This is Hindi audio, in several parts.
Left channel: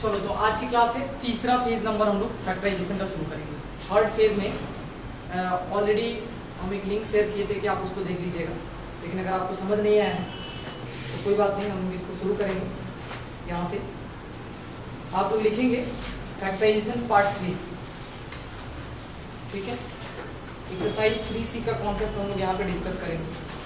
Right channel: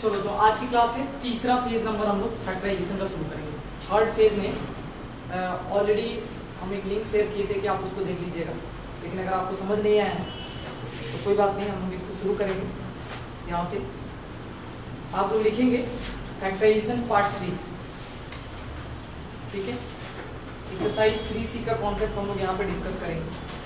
चलो तो आज की क्लास है तीसरा फेज नंबर हम लोग फैक्टराइजेशन का शुरू करेंगे। थर्ड फेज में ऑलरेडी हम एक लिंक शेयर किए थे कि आप उसको देख लीजिएगा, लेकिन अगर आपको समझ नहीं आया है तो कोई बात नहीं, हम लोग इसको शुरू करेंगे। यहाँ से आप लोग लिखेंगे फैक्टराइजेशन पार्ट 3, ठीक है। एक्सरसाइज 3C का कॉन्सेप्ट हम लोग यहाँ पे डिस्कस करेंगे।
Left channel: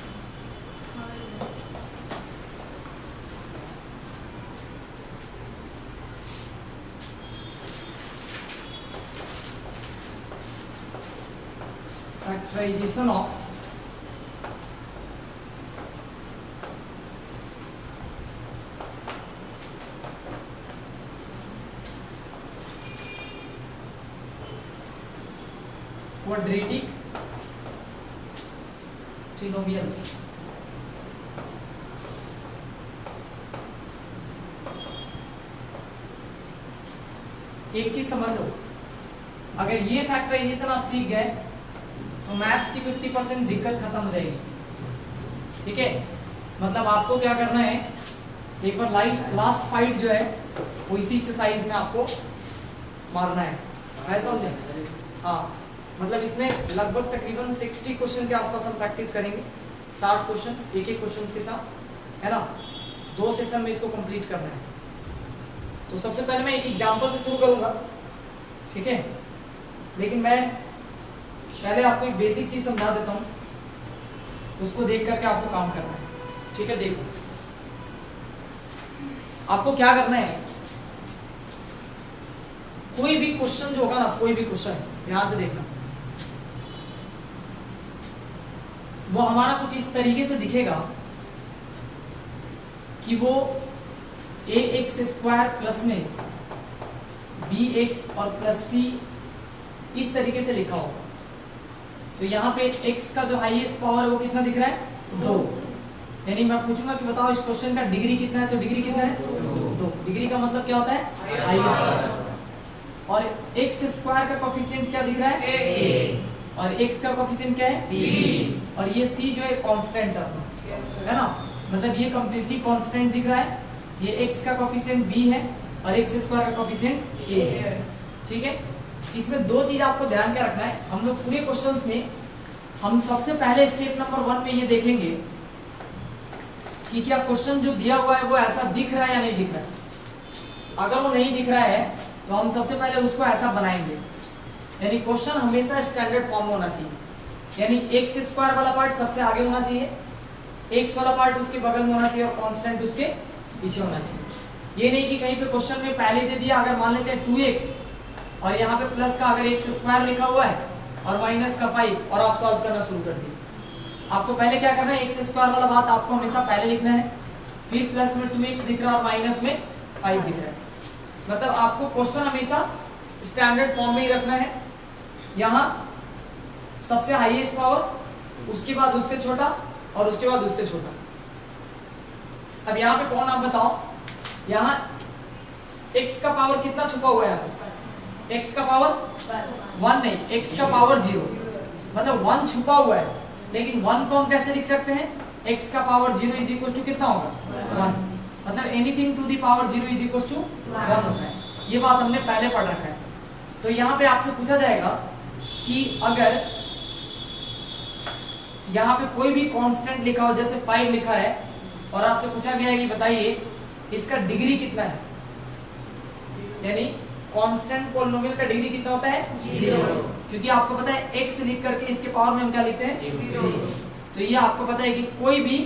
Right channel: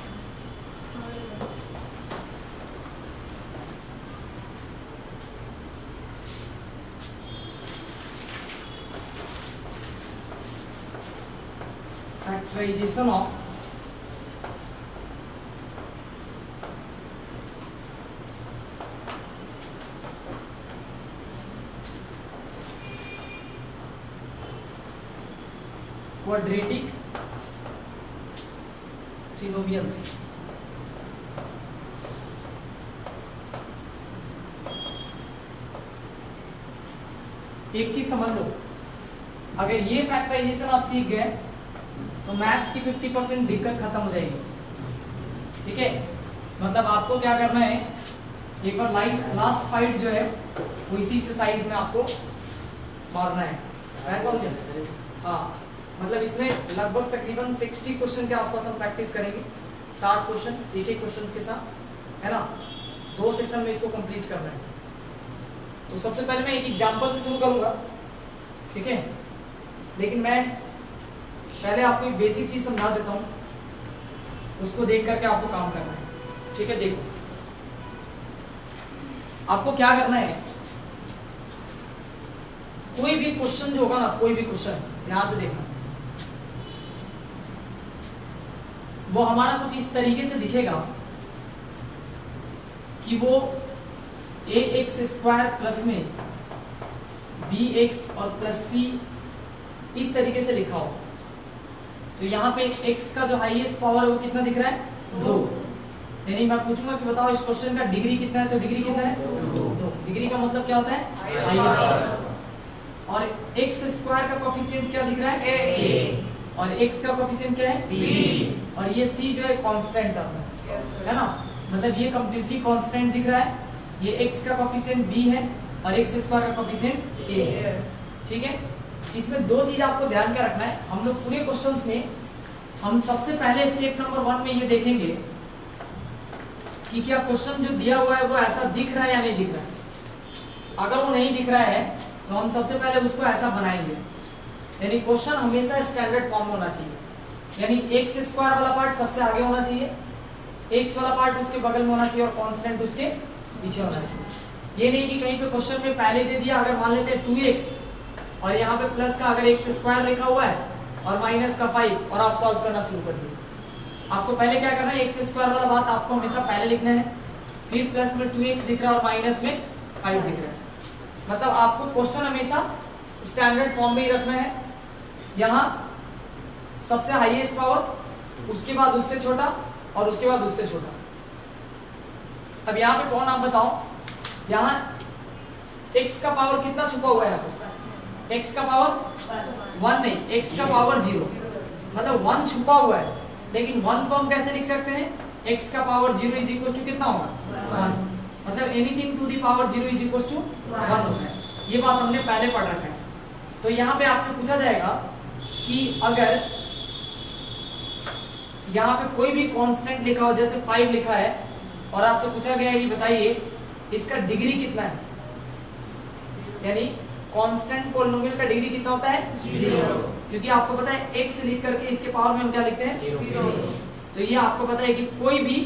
Factorization of quadratic trinomials। एक चीज समझ लो, अगर ये फैक्टराइजेशन आप सीख गए तो मैथ्स की 50% दिक्कत खत्म हो जाएगी, ठीक है। मतलब आपको क्या करना है, एक बार लास्ट फाइट जो है वो इसी एक्सरसाइज में आपको मारना है, ऐसा हो जाए। हाँ, मतलब इसमें लगभग तकरीबन 60 क्वेश्चन के आसपास हम प्रैक्टिस करेंगे। 60 क्वेश्चन एक एक क्वेश्चन के साथ, है ना। 2 सेशन में इसको कंप्लीट करना है। तो सबसे पहले मैं एक एग्जांपल से शुरू करूंगा, ठीक है। लेकिन मैं पहले आपको एक बेसिक चीज समझा देता हूं, उसको देख करके आपको काम करना है, ठीक है। देखो, आपको क्या करना है, कोई भी क्वेश्चन जो होगा ना, कोई भी क्वेश्चन ध्यान से देखना, वो हमारा कुछ इस तरीके से दिखेगा कि वो ax² प्लस में bx और प्लस c इस तरीके से लिखा हो। तो यहाँ पे x का जो हाईएस्ट पावर है वो कितना दिख रहा है, 2। यानी मैं पूछूंगा कि बताओ इस क्वेश्चन का डिग्री कितना है, तो डिग्री कितना है, 2। डिग्री का मतलब क्या होता है, हाईएस्ट पावर। और x² का कोफिशिएंट क्या दिख रहा है, a, और x का कोफिशिएंट क्या है, b, और ये c जो है कांस्टेंट है ना, मतलब ये कंप्लीटली कांस्टेंट दिख रहा है। ये x का कोफिशिएंट b है और x² का कोफिशिएंट a है, ठीक है। इसमें 2 चीज आपको ध्यान के रखना है। हम लोग पूरे क्वेश्चंस में हम सबसे पहले स्टेप नंबर 1 में ये देखेंगे कि क्या क्वेश्चन जो दिया हुआ है वो ऐसा दिख रहा है या नहीं दिख रहा है। अगर वो नहीं दिख रहा है तो हम सबसे पहले उसको ऐसा बनाएंगे, यानी क्वेश्चन हमेशा स्टैंडर्ड फॉर्म होना चाहिए। यानी x² वाला पार्ट सबसे आगे होना चाहिए, x वाला पार्ट उसके बगल में होना चाहिए और कांस्टेंट उसके पीछे होना चाहिए। ये नहीं कि कहीं पे क्वेश्चन में पहले दे दिया, अगर मान लेते हैं 2x और यहाँ पे प्लस का अगर x² लिखा हुआ है और माइनस का 5 और आप सॉल्व करना शुरू कर दिए। आपको पहले क्या करना है, x² वाला बात आपको हमेशा पहले लिखना है, फिर प्लस में 2x दिख रहा है और माइनस में 5 दिख रहा है। मतलब आपको क्वेश्चन हमेशा स्टैंडर्ड फॉर्म में ही रखना है। यहाँ सबसे हाईएस्ट पावर, उसके बाद उससे छोटा और उसके बाद उससे छोटा। अब यहाँ पे कौन, आप बताओ, यहाँ x का पावर कितना छुपा हुआ है, यहाँ पे x का पावर 1 नहीं, x का पावर 0, मतलब 1 छुपा हुआ है। लेकिन 1 को हम कैसे लिख सकते हैं, x का पावर 0 इज इक्वल टू कितना होगा, 1। मतलब anything to the power 0 is equal to 1 होता है। ये बात हमने पहले पढ़ रखा है। तो यहाँ पे आपसे पूछा जाएगा कि अगर यहाँ पे कोई भी कांस्टेंट लिखा हो, जैसे 5 लिखा है, और आपसे पूछा गया है कि बताइए इसका डिग्री कितना है, यानी कांस्टेंट पॉलिनोमियल का डिग्री कितना होता है, 0। क्योंकि आपको पता है x लिख करके इसके पावर में हम क्या लिखते हैं, 0। तो ये आपको पता है कि कोई भी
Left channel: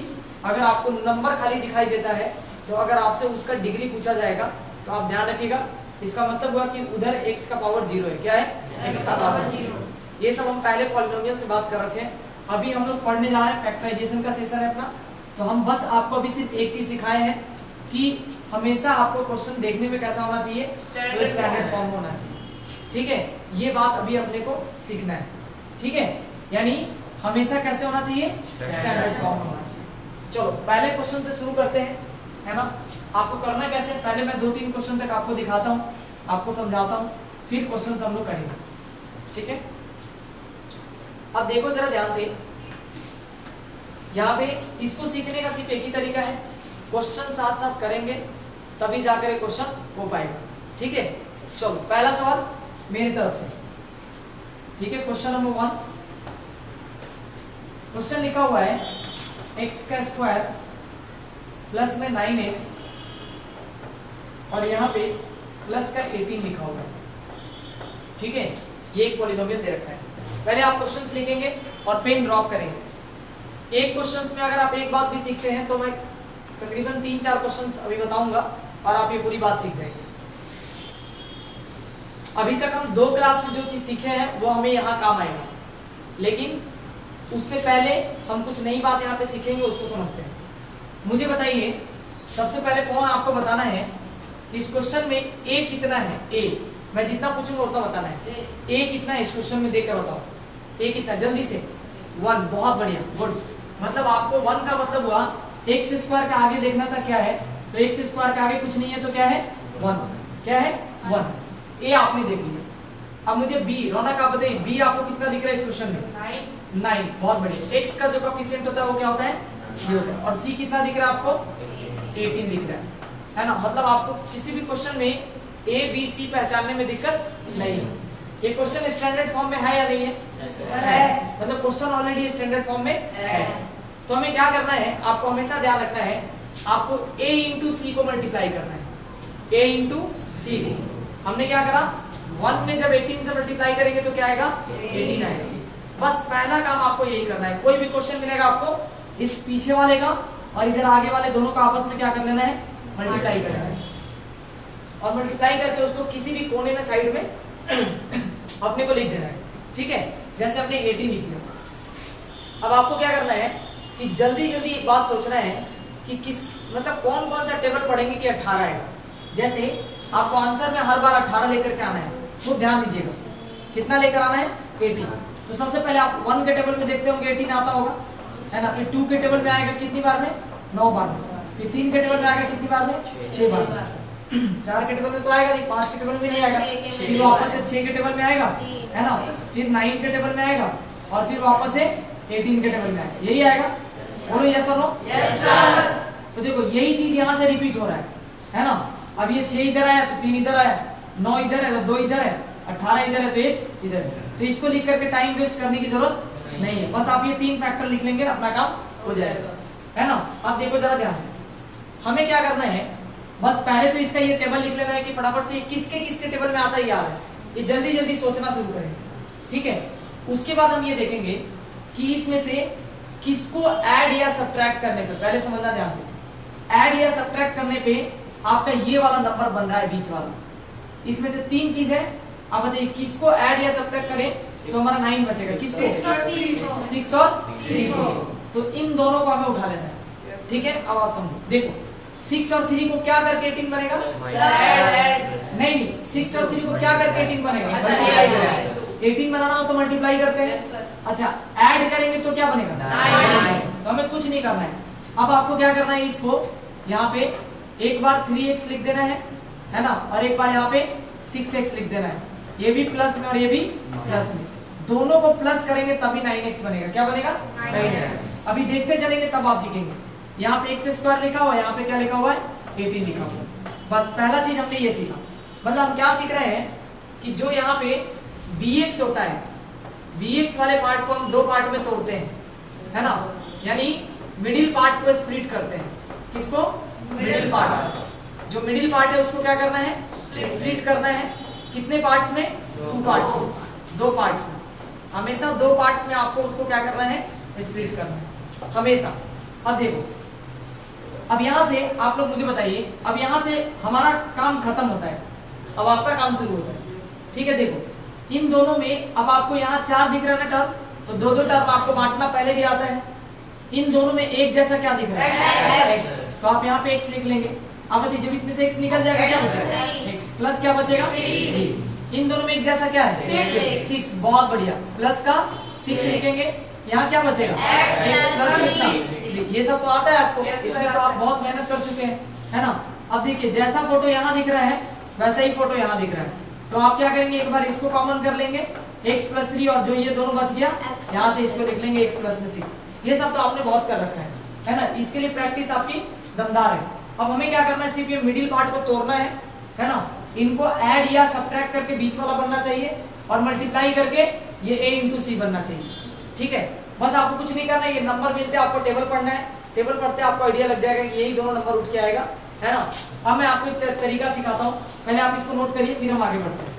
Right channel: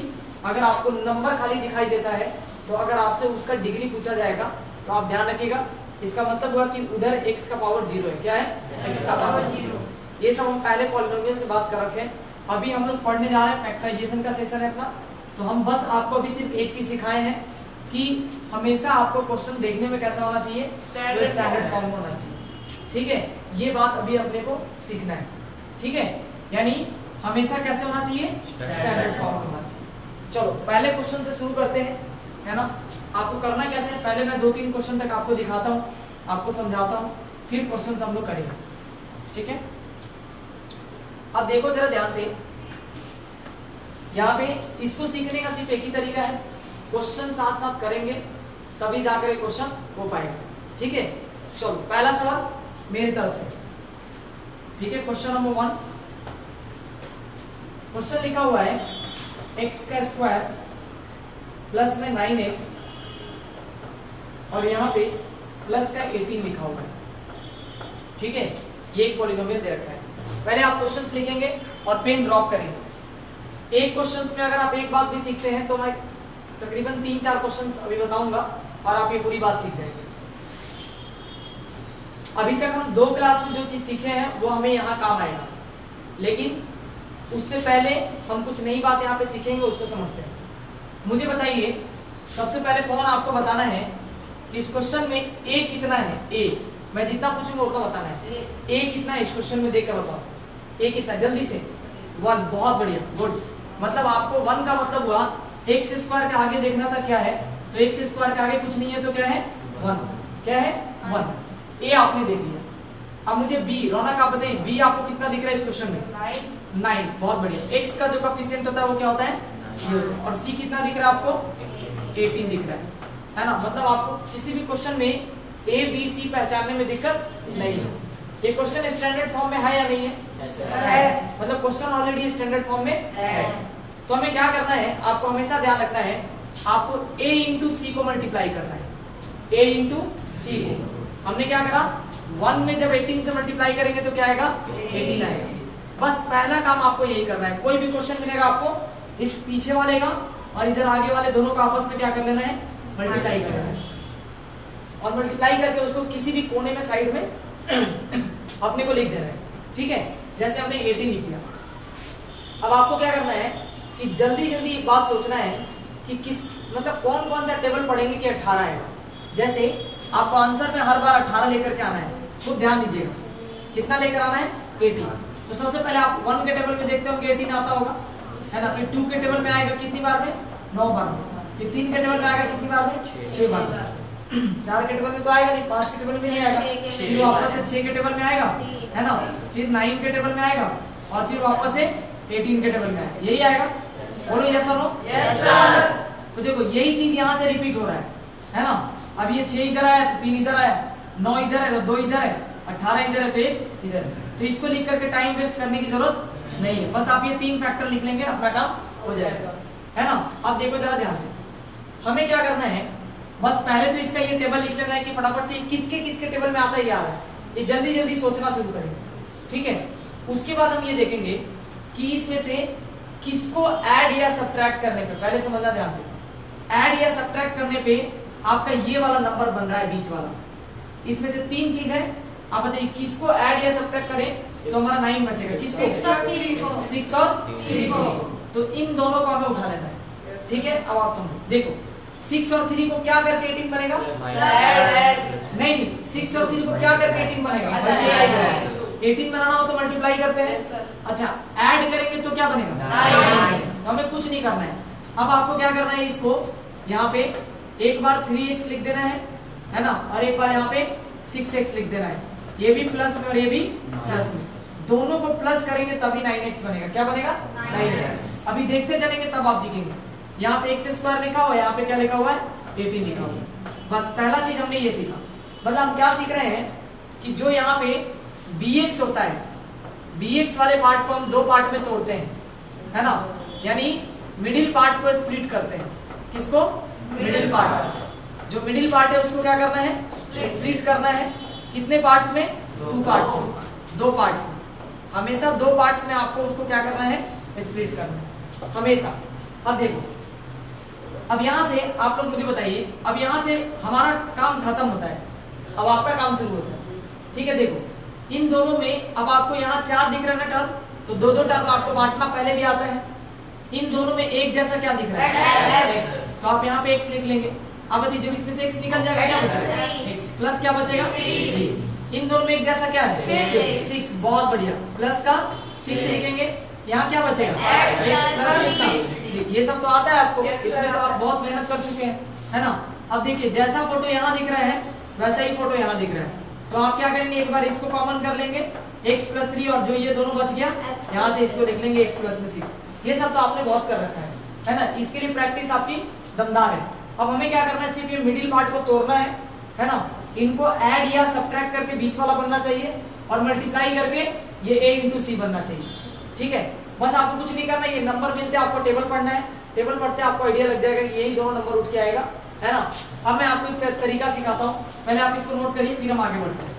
अगर आपको नंबर खाली दिखाई देता है तो अगर आपसे उसका डिग्री पूछा जाएगा तो आप ध्यान रखिएगा, इसका मतलब हुआ कि उधर x का पावर 0 है। क्या है, x का पावर 0। ये सब हम पहले पॉलिनोमियल से बात कर रखे हैं। अभी हम लोग पढ़ने जा रहे हैं, फैक्टराइजेशन का सेशन है अपना। तो हम बस आपको अभी सिर्फ एक चीज सिखाए हैं कि हमेशा आपको क्वेश्चन देखने में कैसा होना चाहिए, स्टैंडर्ड फॉर्म होना चाहिए, ठीक है। ये बात अभी अपने को सीखना है, ठीक है। यानी हमेशा कैसे होना चाहिए, स्टैंडर्ड फॉर्म होना चाहिए। चलो पहले क्वेश्चन से शुरू करते हैं, है ना। आपको करना कैसे है, पहले मैं 2-3 क्वेश्चन तक आपको दिखाता हूँ, आपको समझाता हूँ, फिर क्वेश्चन हम लोग करेंगे, ठीक है। अब देखो जरा ध्यान से, यहाँ पे इसको सीखने का सिर्फ एक ही तरीका है, क्वेश्चन साथ साथ करेंगे तभी जाकर क्वेश्चन हो पाएगा। ठीक है, चलो पहला सवाल मेरी तरफ से। ठीक है, क्वेश्चन नंबर 1। क्वेश्चन लिखा हुआ है x का स्क्वायर प्लस में 9x और यहाँ पे प्लस का 18 लिखा हुआ है। ठीक है, ये एक पॉलिनोमियल दे रखा है। पहले आप क्वेश्चंस लिखेंगे और पेन ड्रॉप करेंगे। एक क्वेश्चन में अगर आप एक बात भी सीखते हैं तो मैं तकरीबन 3-4 क्वेश्चंस अभी बताऊंगा और आप ये पूरी बात सीख जाएंगे। अभी तक हम 2 क्लास में जो चीज सीखे हैं वो हमें यहाँ काम आएगा, लेकिन उससे पहले हम कुछ नई बात यहाँ पे सीखेंगे, उसको समझते हैं। मुझे बताइए सबसे पहले कौन आपको बताना है कि इस क्वेश्चन में a कितना है। a मैं जितना पूछूंगा उतना बताना है। a कितना है इस क्वेश्चन में देकर बताओ। a कितना, जल्दी से। 1, बहुत बढ़िया, गुड। मतलब आपको 1 का मतलब हुआ एक्स स्क्वायर का आगे देखना था क्या है, तो एक्स स्क्वायर का आगे कुछ नहीं है तो क्या है 1। क्या है 1। ए आपने देख लिया। अब मुझे बी, रौनक आप बताइए बी आपको कितना दिख रहा है इस क्वेश्चन में 9। बहुत बढ़िया। एक्स का जो कोएफिशिएंट होता है वो क्या होता है, और सी कितना दिख रहा है आपको 18 दिख रहा है ना। मतलब आपको किसी भी क्वेश्चन में ए बी सी पहचानने में दिक्कत नहीं है। ये क्वेश्चन स्टैंडर्ड फॉर्म में है या नहीं है, मतलब क्वेश्चन ऑलरेडी स्टैंडर्ड फॉर्म में है। तो हमें क्या करना है, आपको हमेशा ध्यान रखना है, आपको a इंटू सी को मल्टीप्लाई करना है। a इंटू सी हमने क्या करा, 1 में जब 18 से मल्टीप्लाई करेंगे तो क्या आएगा 18 आएगा। बस पहला काम आपको यही करना है। कोई भी क्वेश्चन मिलेगा आपको, इस पीछे वाले का और इधर आगे वाले दोनों का आपस में क्या कर लेना है, मल्टीप्लाई करना है। और मल्टीप्लाई करके उसको किसी भी कोने में साइड में अपने को लिख देना है। ठीक है, जैसे हमने 18 लिख दिया। अब आपको क्या करना है कि जल्दी जल्दी एक बात सोचना है कि किस मतलब कौन कौन सा टेबल पढ़ेंगे कि 18 आएगा। जैसे आपको आंसर में हर बार 18 लेकर के आना है, तो ध्यान दीजिएगा कितना लेकर आना है 18। तो सबसे पहले आप 1 के टेबल में देखते हो कि 18 आता होगा, है ना। फिर 2 के टेबल में आएगा कितनी बार में 9 बार में। फिर 3 के टेबल में आएगा कितनी बार में 6 बार में। 4 के टेबल में तो आएगा नहीं, 5 के टेबल में नहीं आएगा, फिर वापस से 6 के टेबल में आएगा, है ना। फिर 9 के टेबल में आएगा और फिर वापस से 18 के टेबल में आएगा। यही आएगा, बोलो यस और नो। Yes sir. तो देखो यही चीज यहाँ से रिपीट हो रहा है ना। अब ये 6 इधर आया तो 3 इधर आया, 9 इधर है तो 2 इधर है, 18 इधर है तो 1 इधर है। तो इसको लिख करके टाइम वेस्ट करने की जरूरत नहीं है। बस आप ये 3 फैक्टर लिख लेंगे, अपना काम हो जाएगा, है ना। अब देखो जरा ध्यान से, हमें क्या करना है, बस पहले तो इसका ये टेबल लिख लेना है कि फटाफट से किसके किसके टेबल में आता है याद है, ये जल्दी जल्दी सोचना शुरू करेंगे। ठीक है, उसके बाद हम ये देखेंगे कि इसमें से किसको ऐड या सब्ट्रैक्ट करने पे, पहले समझना ध्यान से, ऐड या सब्ट्रैक्ट करने पे आपका ये वाला नंबर बन रहा है बीच वाला। इसमें से 3 चीज है, आप बताइए किसको ऐड या सब्ट्रैक्ट करें तो हमारा 9 बचेगा। किसको 6 और 3 को। तो इन दोनों को हमें उठा लेना है। ठीक है, अब आप समझो, देखो 6 और 3 को क्या करके 18 बनेगा, नहीं 6 और 3 को क्या करके 18 बनेगा, 18 बनाना हो तो मल्टीप्लाई करते हैं। अच्छा, ऐड करेंगे तो क्या बनेगा 9। तो हमें कुछ नहीं करना है। अब आपको क्या करना है, इसको यहाँ पे एक बार 3x लिख देना है ना, और एक बार यहाँ पे 6x लिख देना है। ये भी प्लस में और ये भी प्लस में, दोनों को प्लस करेंगे तभी 9x बनेगा। क्या बनेगा 9x। अभी देखते चलेंगे तब आप सीखेंगे। यहाँ पे x स्क्वायर लिखा हुआ है, यहाँ पे क्या लिखा हुआ है 18 लिखा हुआ है। बस पहला चीज हमने ये सीखा। मतलब हम क्या सीख रहे हैं कि जो यहाँ पे bx होता है, bx वाले पार्ट को हम 2 पार्ट में तोड़ते हैं, है ना। यानी मिडिल पार्ट को स्प्लिट करते हैं। किसको, मिडिल पार्ट। जो मिडिल पार्ट है उसको क्या करना है, स्प्लिट करना है। कितने पार्ट्स में, 2 पार्ट्स में, 2 पार्ट्स में। हमेशा 2 पार्ट्स में आपको उसको क्या करना है, स्प्लिट करना है हमेशा। अब देखो, अब यहां से आप लोग मुझे बताइए, अब यहां से हमारा काम खत्म होता है, अब आपका काम शुरू होता है। ठीक है, देखो इन दोनों में अब आपको यहाँ 4 दिख रहा है ना टर्म, तो 2-2 टर्म आपको बांटना पहले भी आता है। इन दोनों में एक जैसा क्या दिख रहा है, तो आप यहाँ पे x लिख लेंगे। अब बताइए जब इसमें से x निकल जाएगा क्या बचेगा, प्लस क्या बचेगा, इन दोनों में एक जैसा क्या है 6। बहुत बढ़िया, प्लस का 6 लिखेंगे। यहाँ क्या बचेगा, ये सब तो आता है आपको, इसमें तो आप बहुत मेहनत कर चुके हैं, है ना। अब देखिए जैसा फोटो यहाँ दिख रहा है वैसा ही फोटो यहाँ दिख रहा है, तो आप क्या करेंगे, एक बार इसको कॉमन कर लेंगे x + 3, और जो ये दोनों बच गया यहाँ से इसको लिख लेंगे x + 6। ये सब तो आपने बहुत कर रखा है ना। इसके लिए प्रैक्टिस आपकी दमदार है। अब हमें क्या करना है, सिर्फ ये मिडिल पार्ट को तोड़ना है ना। इनको ऐड या सब्ट्रैक्ट करके बीच वाला बनना चाहिए और मल्टीप्लाई करके ये a इंटू सी बनना चाहिए। ठीक है, बस आपको कुछ नहीं करना, ये नंबर मिलते आपको टेबल पढ़ना है, टेबल पढ़ते आपको आइडिया लग जाएगा कि यही दोनों नंबर उठ के आएगा, है ना। अब मैं आपको एक तरीका सिखाता हूँ, पहले आप इसको नोट करिए फिर हम आगे बढ़ते हैं,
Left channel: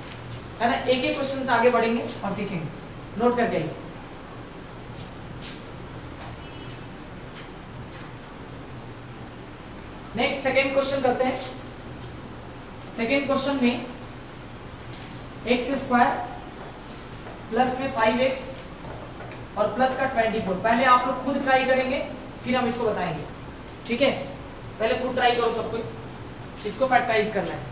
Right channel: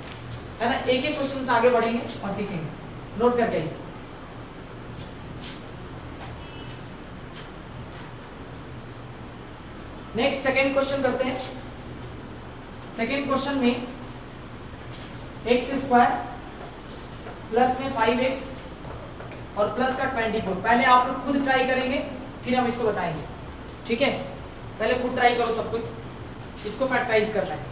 है ना। एक एक क्वेश्चन से आगे बढ़ेंगे और सीखेंगे, नोट करके आइए। नेक्स्ट सेकेंड क्वेश्चन करते हैं। सेकेंड क्वेश्चन में एक्स स्क्वायर प्लस में 5x और प्लस का 24। पहले आप लोग खुद ट्राई करेंगे फिर हम इसको बताएंगे, ठीक है। पहले खुद ट्राई करो सब कुछ, इसको फैक्टराइज करना है।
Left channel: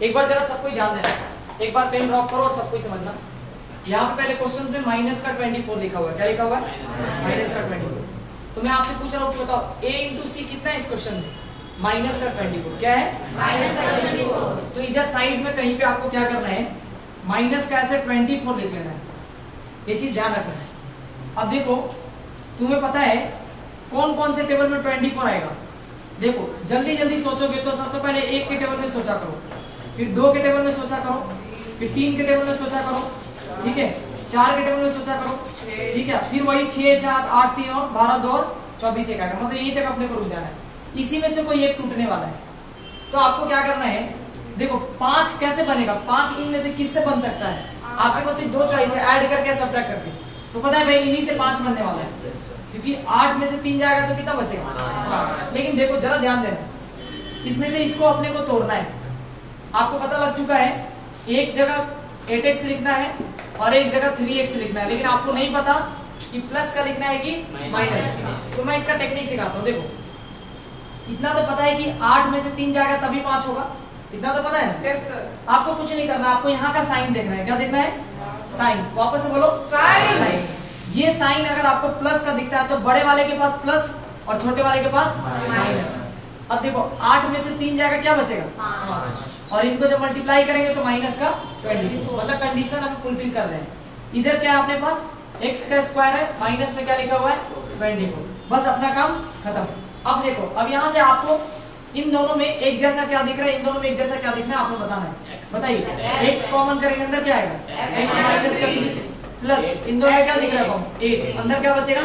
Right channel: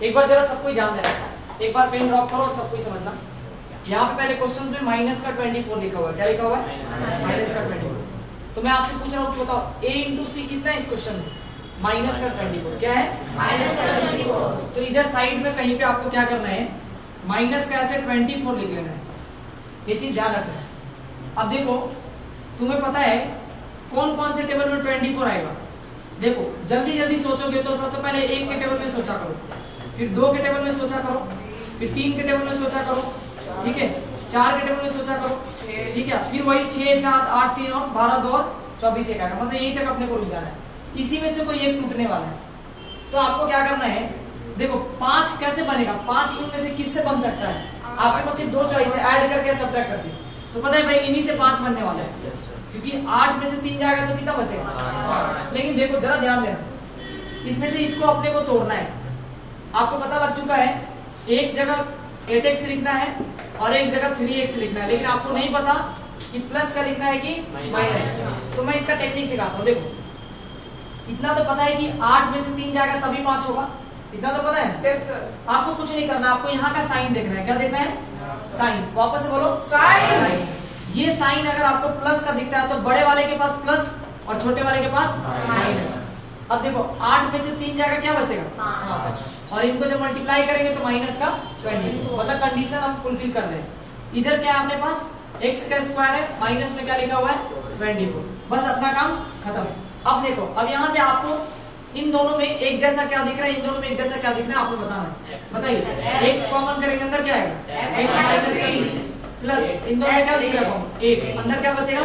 एक बार जरा सबको ध्यान देना, एक बार पेन ड्रॉप करो और सबको समझना। यहाँ पे पहले क्वेश्चन में माइनस का 24 लिखा हुआ है, क्या लिखा हुआ है? माइनस का 24। तो मैं आपसे पूछ रहा हूँ कि बताओ a इंटू सी कितना है इस क्वेश्चन में? माइनस का 24। क्या है? माइनस का 24। तो इधर साइड में कहीं पे आपको क्या करना है, माइनस का ऐसे 24 लिख लेना है, ये चीज ध्यान रखना है। अब देखो तुम्हें पता है कौन कौन से टेबल में 24 आएगा। देखो जल्दी जल्दी सोचोगे तो सबसे पहले 1 के टेबल में सोचा करो, फिर 2 के टेबल में सोचा करो, फिर 3 के टेबल में सोचा करो, ठीक है, 4 के टेबल में सोचा करो, ठीक है, फिर वही 6, 4, 8, 3 और 12, 2 और 24 एक आएगा, मतलब यही तक अपने को रुक जाना है। इसी में से कोई एक टूटने वाला है, तो आपको क्या करना है, देखो 5 कैसे बनेगा, 5 इनमें से किससे बन सकता है? आपके पास सिर्फ 2 चॉइस है, ऐड करके सब्ट्रैक्ट करके, तो पता है भाई इन्हीं से 5 बनने वाला है, क्योंकि 8 में से 3 जाएगा तो कितना बचेगा? लेकिन देखो जरा ध्यान देना, इसमें से इसको अपने को तोड़ना है। आपको पता लग चुका है एक जगह 8x लिखना है और एक जगह 3x लिखना है, लेकिन आपको नहीं पता कि प्लस का लिखना है कि माइनस। तो मैं इसका टेक्निक सिखाता हूँ। देखो इतना तो पता है कि 8 में से 3 जाएगा तभी 5 होगा, इतना तो पता है। Yes, sir. आपको कुछ नहीं करना, आपको यहाँ का साइन देखना है। क्या देखना है? साइन। वापस से बोलो, साइन। ये साइन अगर आपको प्लस का दिखता है तो बड़े वाले के पास प्लस और छोटे वाले के पास माइनस। अब देखो 8 में से 3 जाएगा, क्या बचेगा? और इनको जब मल्टीप्लाई करेंगे तो माइनस का 20, मतलब कंडीशन हम फुलफिल कर रहे हैं। इधर क्या है अपने पास, x का स्क्वायर है, माइनस में क्या लिखा हुआ है? 24। बस अपना काम खत्म। अब देखो, अब यहाँ से आपको इन दोनों में एक जैसा क्या दिख रहा है, इन दोनों में एक जैसा क्या दिख रहा है आपको बताना है। बताइए, x कॉमन करेंगे, अंदर क्या आएगा? x प्लस इन दोनों में क्या दिख रहा है कॉमन? 8। अंदर क्या बचेगा?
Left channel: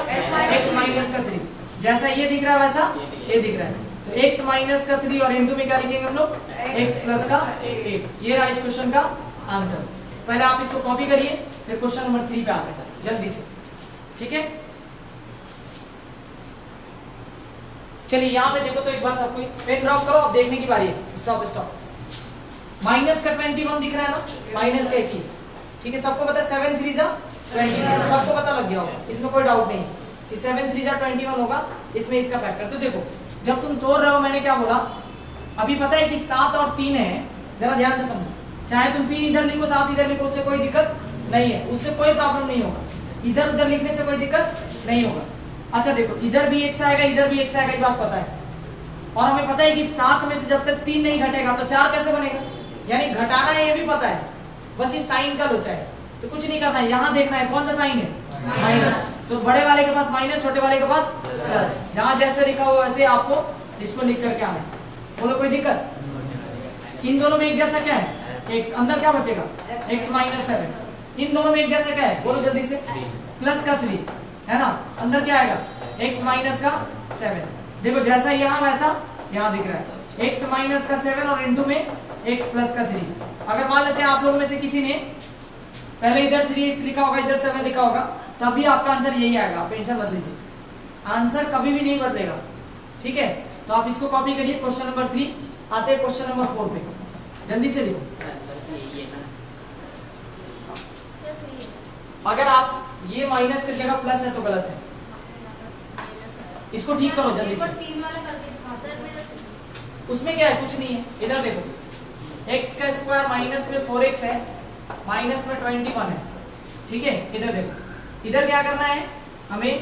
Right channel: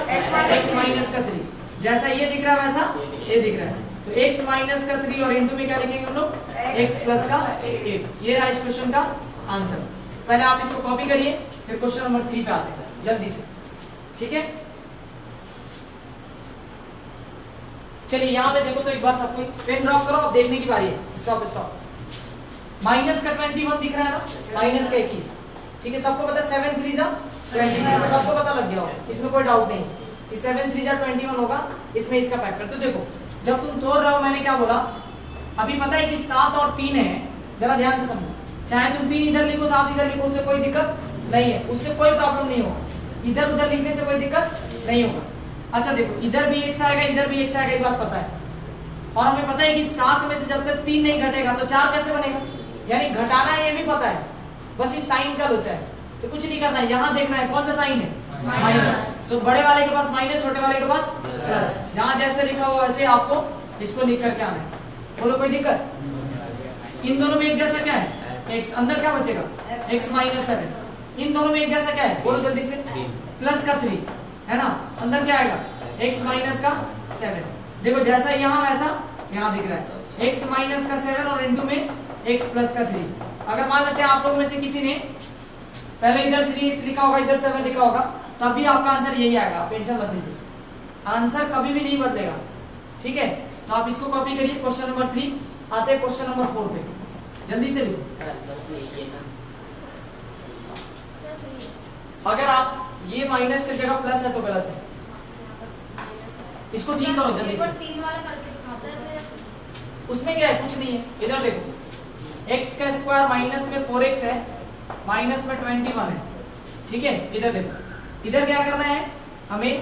x माइनस का 3। जैसा ये दिख रहा है वैसा ये दिख रहा है, तो x माइनस का 3 और इंटू में क्या लिखेंगे हम लोग? x प्लस का 8। ये रहा इस क्वेश्चन का आंसर। पहले आप इसको कॉपी करिए, फिर क्वेश्चन नंबर 3 पे आते हैं जल्दी से, ठीक है। चलिए यहाँ पे देखो तो एक बार सबको पेन ड्रॉप करो, अब देखने की बारी है। Stop stop. माइनस का 21 दिख रहा है ना, माइनस का 21, ठीक है। सबको पता है 7 3 जा 21, सबको पता लग गया होगा, इसमें कोई डाउट नहीं कि 7 3 जा 21 होगा। इसमें इसका फैक्टर तो देखो जब तुम तोड़ रहे हो, मैंने क्या बोला अभी, पता है कि 7 और 3 है, जरा ध्यान से समझो। चाहे तुम 3 इधर लिखो 7 इधर लिखो, उससे कोई दिक्कत नहीं है, उससे कोई प्रॉब्लम नहीं होगा। इधर उधर लिखने से कोई दिक्कत नहीं होगा। अच्छा देखो, इधर भी x आएगा, इधर भी x आएगा, ये बात पता है। और हमें पता है कि 7 में से जब तक 3 नहीं घटेगा तो 4 कैसे बनेगा, यानी घटाना है, ये भी पता है, बस ये साइन का लोचा है। तो कुछ नहीं करना है, यहाँ देखना है कौन सा साइन है, माइनस। तो बड़े वाले के पास माइनस, छोटे वाले के पास प्लस। जहाँ जैसे लिखा हुआ वैसे आपको इसको लिख करके आना है। बोलो कोई दिक्कत? इन दोनों में एक जैसा क्या है? x। अंदर क्या बचेगा? x minus 7। इन दोनों में एक जैसा क्या है? बोलो जल्दी से। प्लस का 3 है ना, अंदर क्या आएगा? x माइनस का 7। देखो जैसा यहाँ वैसा यहाँ दिख रहा है, x माइनस का 7 और इंटू में x प्लस का 3। अगर मान लेते हैं आप लोगों में से किसी ने पहले इधर 3x लिखा होगा, इधर 7 लिखा होगा, तभी आपका आंसर यही आएगा। आप टेंशन मत लीजिए, आंसर कभी भी नहीं बदलेगा, ठीक है। तो आप इसको कॉपी करिए। क्वेश्चन नंबर 3 आते हैं क्वेश्चन नंबर 4 पे, जल्दी से लिखो। अगर आप ये माइनस की जगह प्लस है तो गलत है, इसको ठीक करो जल्दी से। 3 वाला करके दिखाओ। उसमें क्या है? कुछ नहीं है। इधर देखो, x का स्क्वायर माइनस में 4x है, माइनस में 21 है, ठीक है। इधर देखो, इधर क्या करना है हमें,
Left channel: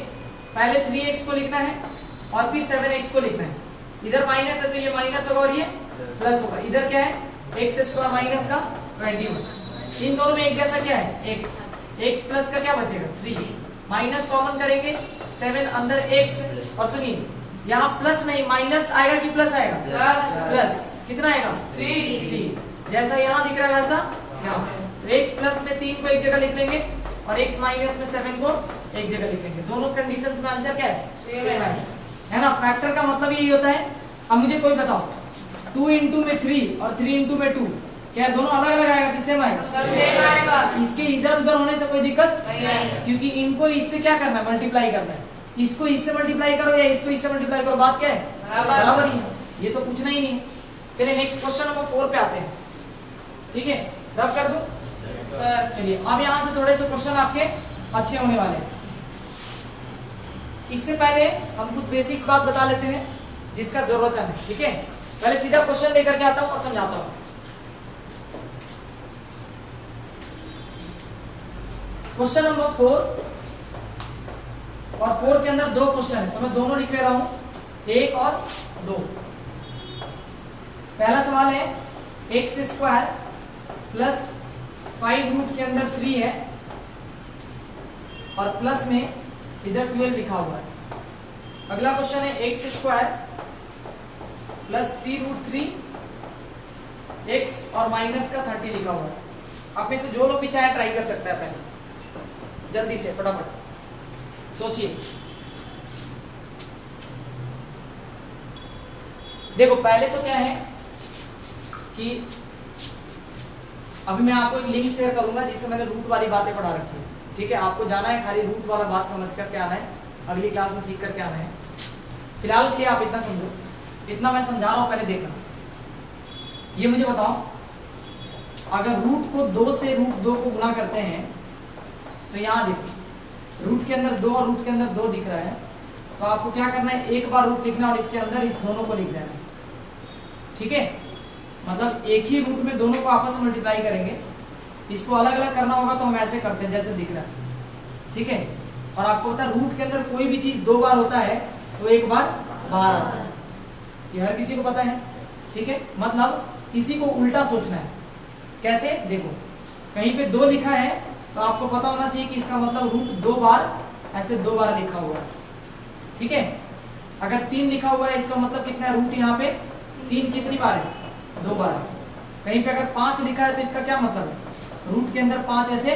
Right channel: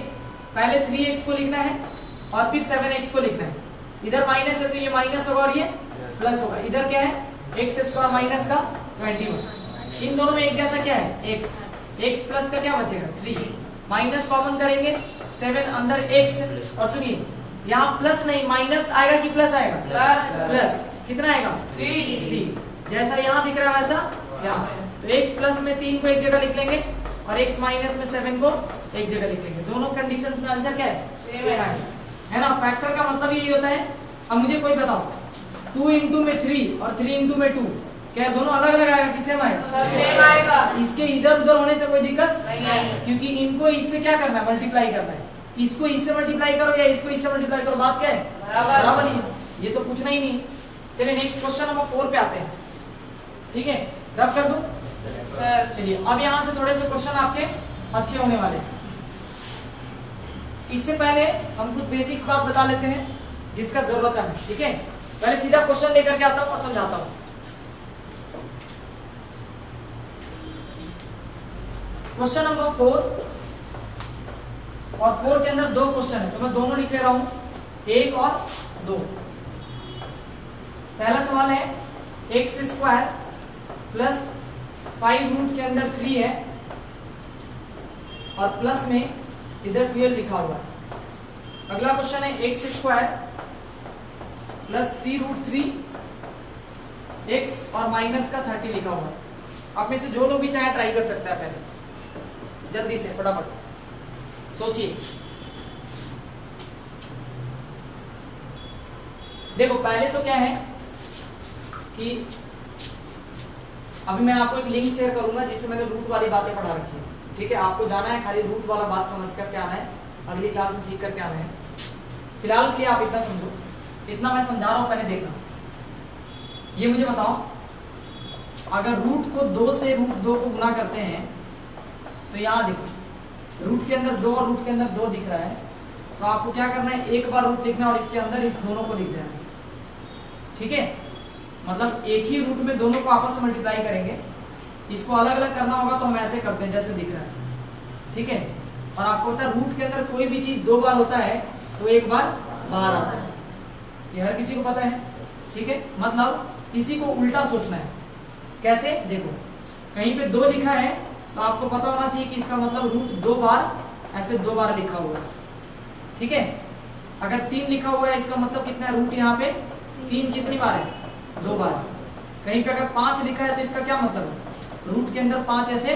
पहले 3x को लिखना है और फिर 7x को लिखना है। इधर माइनस है तो ये माइनस होगा और ये प्लस होगा। इधर क्या है? x स्क्वायर माइनस का 21। इन दोनों में एक जैसा क्या है? x प्लस का क्या बचेगा? 3। माइनस कॉमन करेंगे 7, अंदर x, और सुनिए यहाँ प्लस नहीं माइनस आएगा कि प्लस आएगा? प्लस कितना आएगा? 3। जैसा यहाँ दिख रहा है वैसा यहाँ। तो x प्लस में 3 को एक जगह लिख लेंगे और x माइनस में 7 को एक जगह लिख लेंगे। दोनों कंडीशन में आंसर क्या है? है ना। फैक्टर का मतलब यही होता है। अब मुझे कोई बताओ 2 इंटू में 3 और 3 इंटू में 2 क्या दोनों अलग अलग आएगा कि सेम आएगा? इसके इधर उधर होने से कोई दिक्कत नहीं आएगी, क्योंकि इनको इससे क्या करना है? मल्टीप्लाई करना है। इसको इससे मल्टीप्लाई करो या इसको इससे मल्टीप्लाई करो, बात क्या है? बराबर ही है। ये तो पूछना ही नहीं। चलिए नेक्स्ट क्वेश्चन नंबर 4 पे आते हैं। ठीक है, रब कर दो सर। चलिए अब यहाँ से थोड़े से क्वेश्चन आपके अच्छे होने वाले हैं। इससे पहले हम कुछ बेसिक्स बात बता लेते हैं जिसका जरूरत है हमें। ठीक है, पहले सीधा क्वेश्चन लेकर के आता हूं और समझाता हूं। क्वेश्चन नंबर 4 और 4 के अंदर 2 क्वेश्चन है, तो मैं दोनों लिख ले रहा हूं, 1 और 2। पहला सवाल है x² प्लस 5 रूट के अंदर 3 है और प्लस में इधर 12 लिखा हुआ है। अगला क्वेश्चन है x² प्लस 3 रूट 3 x और माइनस का 30 लिखा हुआ है। आप में से जो लोग भी चाहे ट्राई कर सकते हैं। पहले जल्दी से फटाफट सोचिए। देखो पहले तो क्या है कि अभी मैं आपको एक लिंक शेयर करूंगा जिससे मैंने रूट वाली बातें पढ़ा रखी है। ठीक है, आपको जाना है, खाली रूट वाला बात समझ कर के आना है, अगली क्लास में सीख करके आना है। फिलहाल के लिए आप इतना समझो, इतना मैं समझा रहा हूं, पहले देखना। ये मुझे बताओ, अगर रूट को 2 से रूट 2 को गुना करते हैं तो यहां देखो रूट के अंदर 2 और रूट के अंदर 2 दिख रहा है, तो आपको क्या करना है? एक बार रूट लिखना और इसके अंदर इस दोनों को लिख देना। ठीक है, मतलब एक ही रूट में दोनों को आपस में मल्टीप्लाई करेंगे। इसको अलग अलग करना होगा तो हम ऐसे करते हैं जैसे दिख रहा है। ठीक है, और आपको पता है रूट के अंदर कोई भी चीज 2 बार होता है तो एक बार बाहर आता है, ये हर किसी को पता है। ठीक है, मतलब किसी को उल्टा सोचना है। कैसे? देखो कहीं पे 2 लिखा है तो आपको पता होना चाहिए कि इसका मतलब रूट 2 बार, ऐसे 2 बार लिखा हुआ है। ठीक है, अगर 3 लिखा हुआ है इसका मतलब कितना है? रूट यहाँ पे 3 कितनी बार है? 2 बार। कहीं पे अगर 5 लिखा है तो इसका क्या मतलब है? रूट के अंदर 5 ऐसे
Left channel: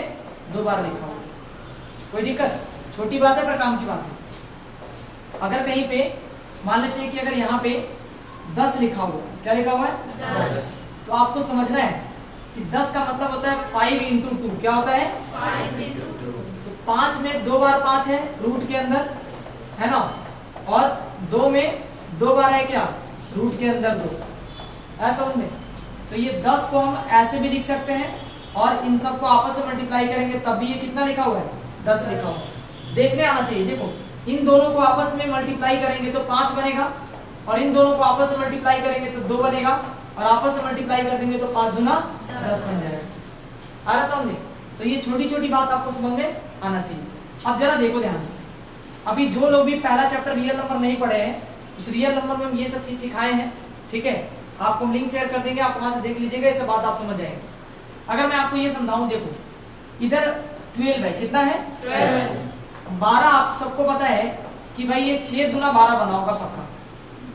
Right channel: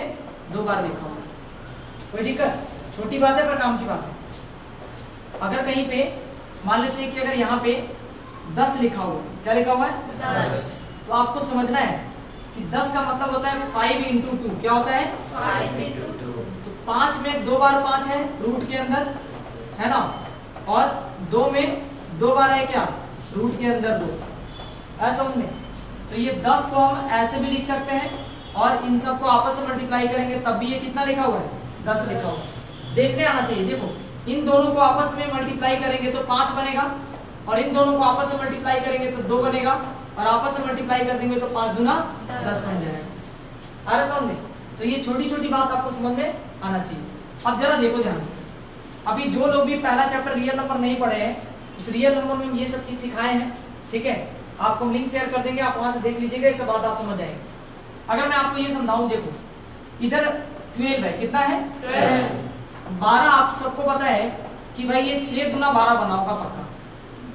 2 बार लिखा हुआ है। कोई दिक्कत? छोटी बात है पर काम की बात है। अगर कहीं पे मान लेते हैं कि अगर यहाँ पे 10 लिखा हुआ, क्या लिखा हुआ है? 10, तो आपको समझना है कि 10 का मतलब होता है 5 इंटू 2। क्या होता है? 5 इंटू 2। तो 5 में 2 बार 5 है रूट के अंदर, है ना, और 2 में 2 बार है क्या? रूट के अंदर 2। ऐसा समझे? तो ये 10 को हम ऐसे भी लिख सकते हैं और इन सबको आपस में मल्टीप्लाई करेंगे तब भी ये कितना लिखा हुआ है? 10 लिखा हुआ है। देखने आना चाहिए। देखो इन दोनों को आपस में मल्टीप्लाई करेंगे तो 5 बनेगा, और इन दोनों को आपस में मल्टीप्लाई करेंगे तो 2 बनेगा, और आपस में मल्टीप्लाई कर देंगे तो 5 दूना 10 बन जाएगा। आ रहा समझे? तो ये छोटी छोटी बात आपको समझ में आना चाहिए। अब जरा देखो ध्यान से, अभी जो लोग भी पहला चैप्टर रियल नंबर नहीं पढ़े हैं, उस रियल नंबर में हम ये सब चीज सिखाए हैं। ठीक है, आपको लिंक शेयर कर देंगे, आप वहां से देख लीजिएगा, इससे बात आप समझ जाएंगे। अगर मैं आपको ये समझाऊं, देखो इधर 12 है, कितना है? 12। आप सबको पता है कि भाई ये 6 गुना 12 बना होगा पक्का।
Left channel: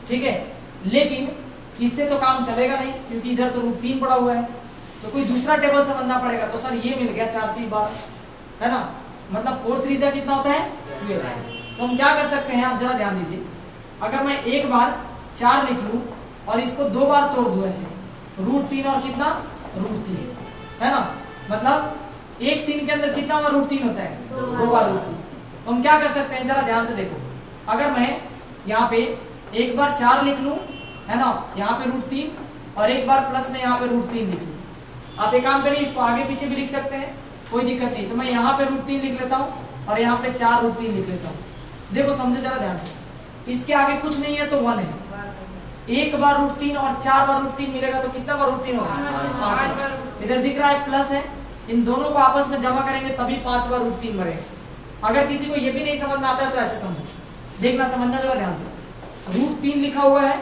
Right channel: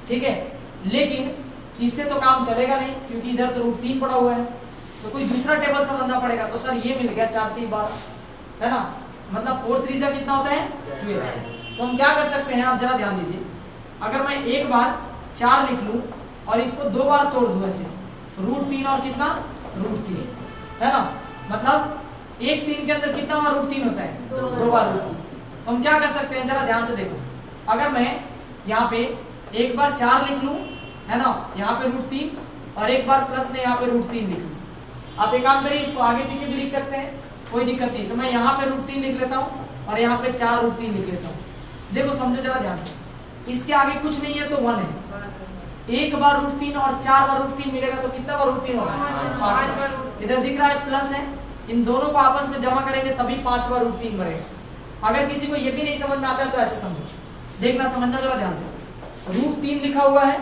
ठीक है, लेकिन इससे तो काम चलेगा नहीं क्योंकि इधर तो रूट 3 पड़ा हुआ है, तो कोई दूसरा टेबल समझना पड़ेगा। तो सर ये मिल गया 4 3 बार, है ना, मतलब 4 3 जा कितना होता है? 12। तो हम क्या कर सकते हैं, आप जरा ध्यान दीजिए। अगर मैं एक बार 4 लिख लूं और इसको 2 बार तोड़ दूं ऐसे, रूट 3 और कितना? रूट 3, है ना, मतलब एक 3 के अंदर कितना बार रूट 3 होता है? 2 बार रूट 3। तो हम क्या कर सकते हैं, जरा ध्यान से देखो। अगर मैं यहाँ पे एक बार 4 लिख लूं, है ना, यहाँ पे रूट 3, और एक बार प्लस में यहाँ पे रूट 3 लिख लूं। आप एक काम करिए, इसको आगे पीछे भी लिख सकते हैं, कोई दिक्कत नहीं। तो मैं यहाँ पे रूट 3 लिख लेता हूँ और यहाँ पे 4 रूट 3 लिख लेता हूँ। देखो समझो जरा ध्यान से, इसके आगे कुछ नहीं है तो 1 है। एक बार रूट 3 और 4 बार रूट 3 मिलेगा तो कितना बार रूट 3 होगा? इधर दिख रहा है प्लस है, इन दोनों को आपस में जमा करेंगे तभी 5 बार रूट 3 बनेगा। अगर किसी को ये भी नहीं समझ में आता है तो ऐसे समझो, देखना, समझना जरा ध्यान से। रूट 3 लिखा हुआ है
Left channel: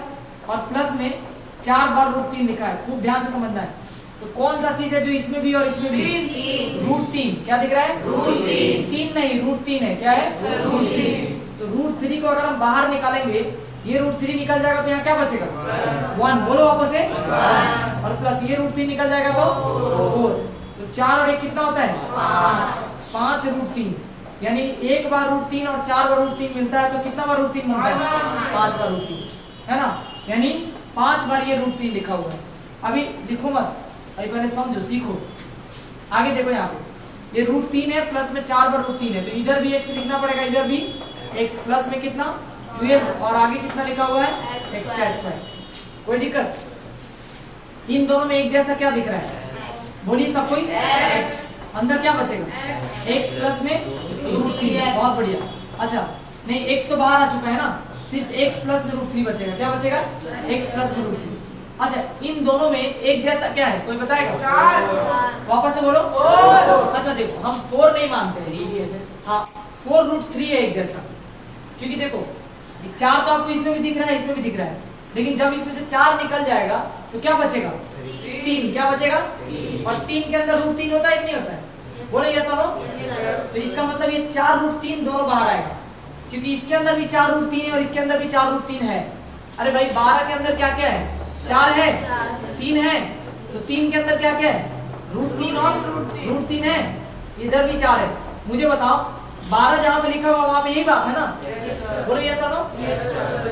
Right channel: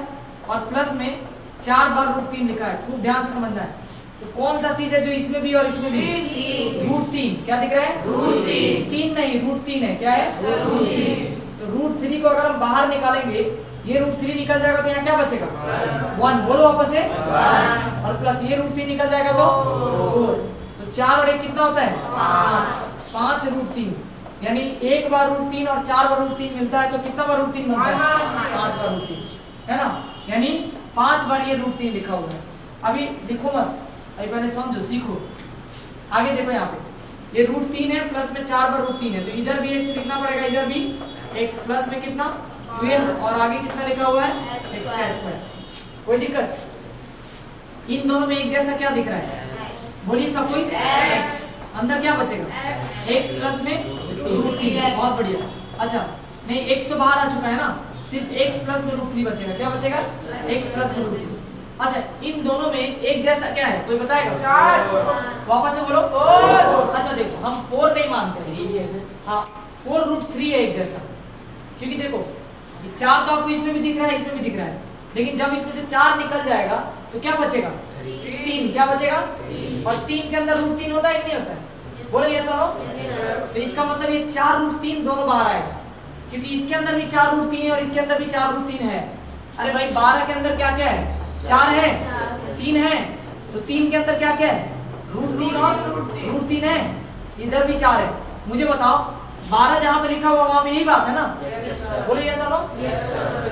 और प्लस में 4 बार रूट 3 लिखा है, खूब ध्यान से समझना है। तो कौन सा चीज है जो इसमें भी और इसमें भी? रूट 3। क्या दिख रहा है? रूट 3 नहीं, रूट 3 है। क्या है? रूट 3। तो तो √3 को अगर हम बाहर निकालेंगे, ये √3 निकल जाएगा तो यहाँ क्या बचेगा 1, बोलो वापस से, और प्लस ये √3 निकल जाएगा तो 4। तो 4 और 1 कितना होता है 5 √3, यानी एक बार √3 और 4 बार √3 मिलता है तो कितना बार √3 मिलता है 5 बार √3, है ना, यानी 5 बार ये √3 लिखा हुआ है। अभी लिखो मत, अभी पहले समझो सीखो। आगे देखो यहाँ पे ये √3 है, प्लस में 4 बार √3 है, तो इधर भी x लिखना पड़ेगा, इधर भी x, प्लस में कितना 12 और आगे कितना लिखा हुआ है x²। कोई दिक्कत? इन दोनों में एक जैसा क्या दिख रहा है, बोलिए सब कोई, अंदर क्या बचेगा x प्लस में √3, बहुत बढ़िया। अच्छा नहीं, x तो बाहर आ चुका है ना, सिर्फ x प्लस में √3 बचेगा, क्या बचेगा x प्लस में √3। अच्छा इन दोनों में एक जैसा क्या है, कोई बताएगा? वापस से बोलो। अच्छा देखो, हम 4 नहीं मानते हैं, हाँ 4√3 है एक जैसा, क्योंकि देखो 4 तो आपको इसमें भी दिख रहा है, इसमें भी दिख रहा है, लेकिन जब इसमें से 4 निकल जाएगा तो क्या बचेगा 3, क्या बचेगा, और 3 के अंदर √3 होता है कि नहीं होता है, बोलो ये सब। तो इसका मतलब ये 4√3 दोनों बाहर आएगा, क्योंकि इसके अंदर भी 4√3 है और इसके अंदर भी 4√3 है। अरे भाई 12 के अंदर क्या क्या है, 4 है, 3 है, तो 3 के अंदर क्या क्या है √3 और √3 है, इधर भी 4 है। मुझे बताओ 12 जहां पे लिखा हुआ वहां पे यही बात है ना, बोलो ये सब।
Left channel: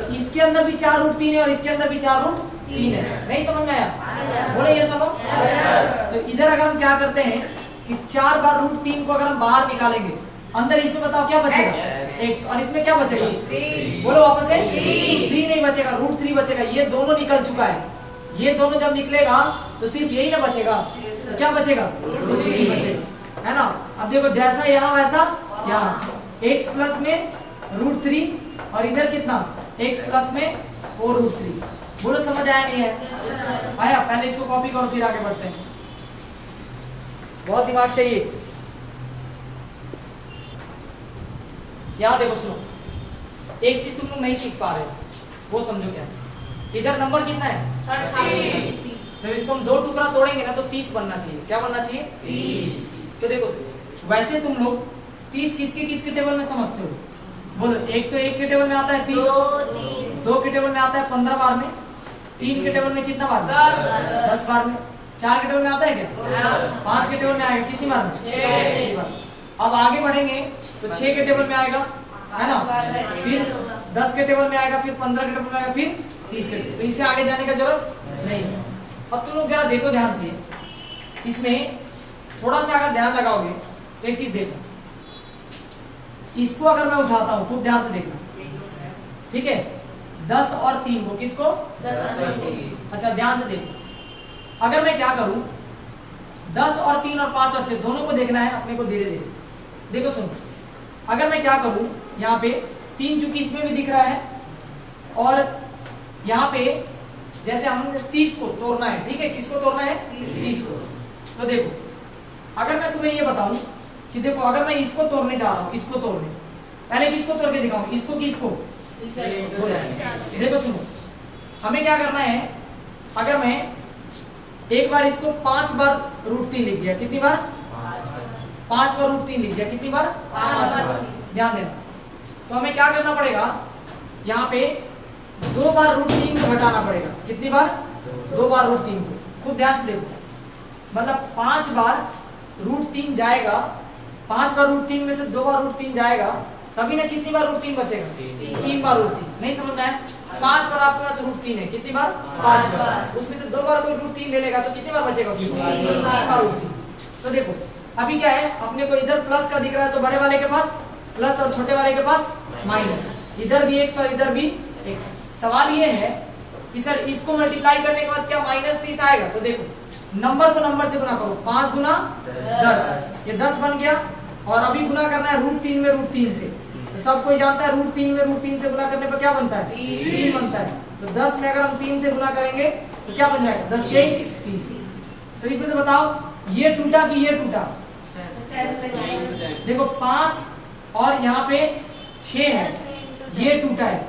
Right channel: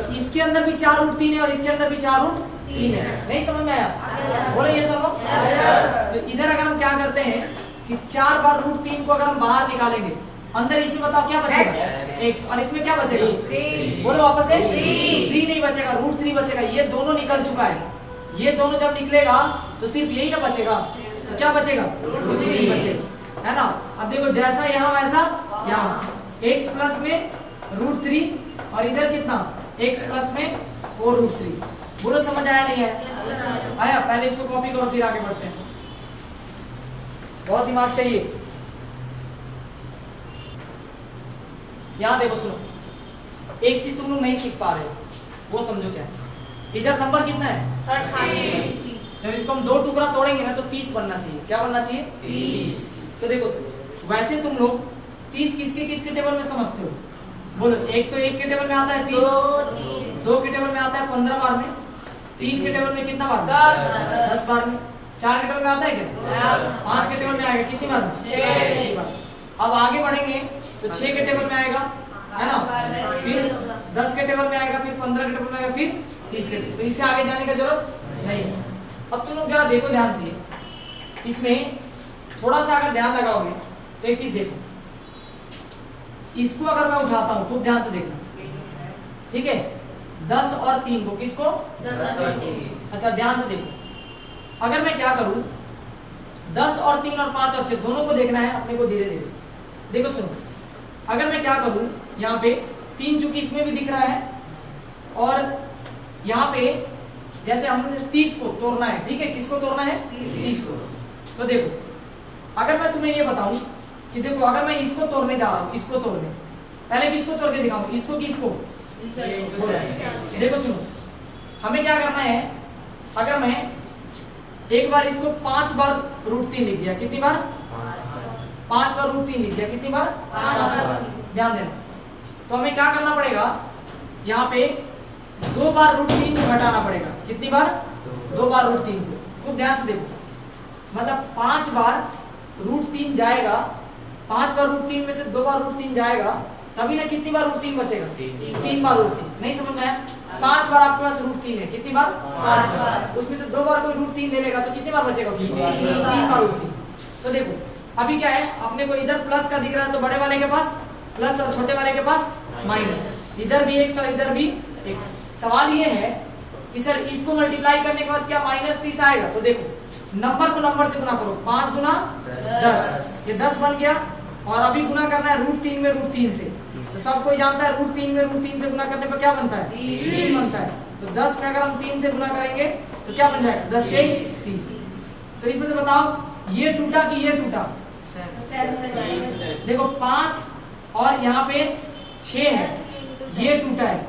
तो इसके अंदर भी 4√3 है और इसके अंदर भी 4√3 है, नहीं समझ में आया, बोलो ये सब। तो इधर अगर हम क्या करते हैं कि 4 बार √3 को अगर हम बाहर निकालेंगे, अंदर इसमें बताओ क्या बचेगा x, और इसमें क्या बचेगा, बोलो वापस से 3 नहीं बचेगा, √3 बचेगा। ये दोनों निकल चुका है, ये दोनों जब निकलेगा तो सिर्फ यही ना बचेगा, तो क्या बचेगा √3 बचेगा, है ना। अब देखो जैसा यहाँ वैसा यहाँ, x प्लस में √3 और इधर कितना x प्लस में 4√3। बोलो समझ आया नहीं है? आया? पहले इसको कॉपी करो फिर आगे बढ़ते हैं, बहुत दिमाग चाहिए। यहाँ देखो सुनो, एक चीज तुम लोग नहीं सीख पा रहे हो, वो समझो क्या है। इधर नंबर कितना है 30, जब इसको हम 2 टुकड़ा तोड़ेंगे ना तो 30 बनना चाहिए, क्या बनना चाहिए 30। तो देखो वैसे तुम लोग 30 किसके टेबल में समझते हो, बोलो। एक तो 1 के टेबल में आता है 30, 2 के टेबल में आता है 15 बार में, 3 के टेबल में कितना बार 10 बार में, 4 के टेबल में आता है क्या 5 के टेबल में आएगा कितनी बार 6 बार। अब आगे बढ़ेंगे तो 6 के टेबल में आएगा, है ना, फिर 10 के टेबल में आएगा, फिर 15 के टेबल में आएगा, फिर 30 के। तो इससे आगे जाने का जरूरत नहीं है। अब तुम लोग जरा देखो ध्यान से, इसमें थोड़ा सा अगर ध्यान लगाओगे तो एक चीज देखो, इसको अगर मैं उठाता हूं खूब ध्यान से देखना, ठीक है, 10 और 3 को, किसको 10। अच्छा ध्यान से देखो, अगर मैं क्या करूं 10 और 3 और 5 और 6 दोनों को देखना है अपने को धीरे धीरे। देखो सुनो, अगर मैं क्या करूं यहाँ पे 3 चूंकि इसमें भी दिख रहा है, और यहाँ पे जैसे हमने 30 को तोड़ना है, ठीक है, किसको तोड़ना है 30 को। तो देखो अगर मैं तुम्हें ये बताऊं कि देखो अगर मैं इसको तोड़ने जा रहा हूं, इसको तोड़ने, पहले किसको तोड़ के दिखाऊं, इसको कि इसको। देखो सुनो, हमें क्या करना है, अगर मैं एक बार इसको 5 बार √3 लिख दिया, कितनी बार 5 बार √3 लिख दिया, कितनी बार 5 बार। ध्यान देना, तो हमें क्या करना पड़ेगा, यहाँ पे 2 बार √3 को घटाना पड़ेगा, कितनी बार 2 बार √3 को। खूब ध्यान से देखो, मतलब 5 बार √3 जाएगा, 5 बार √3 में से 2 बार √3 जाएगा, तभी ना कितनी बार √3 बचेगा 3 बार √3। नहीं समझना है, 5 बार आपके पास √3 है, कितनी बार 5 बार, उसमें से 2 बार कोई √3 ले लेगा तो कितनी बार बचेगा उसमें 3 बार √3। तो देखो अभी क्या है, अपने को इधर प्लस का दिख रहा है तो बड़े वाले के पास प्लस और छोटे वाले के पास माइनस, इधर भी x और इधर भी x। सवाल ये है कि सर इसको मल्टीप्लाई करने के बाद क्या -30 आएगा, तो देखो नंबर को नंबर से गुना करो, 5 गुना 10, ये 10 बन गया, और अभी गुना करना है √3 में √3 से, तो सब कोई जानता है √3 में √3 से गुना करने पर क्या बनता है 3 बनता है। तो 10 में अगर हम 3 से गुना करेंगे तो क्या बन जाएगा 10 से 30। तो इसमें से बताओ ये टूटा कि ये टूटा, देखो 5 और यहाँ पे 6 है, ये टूटा है।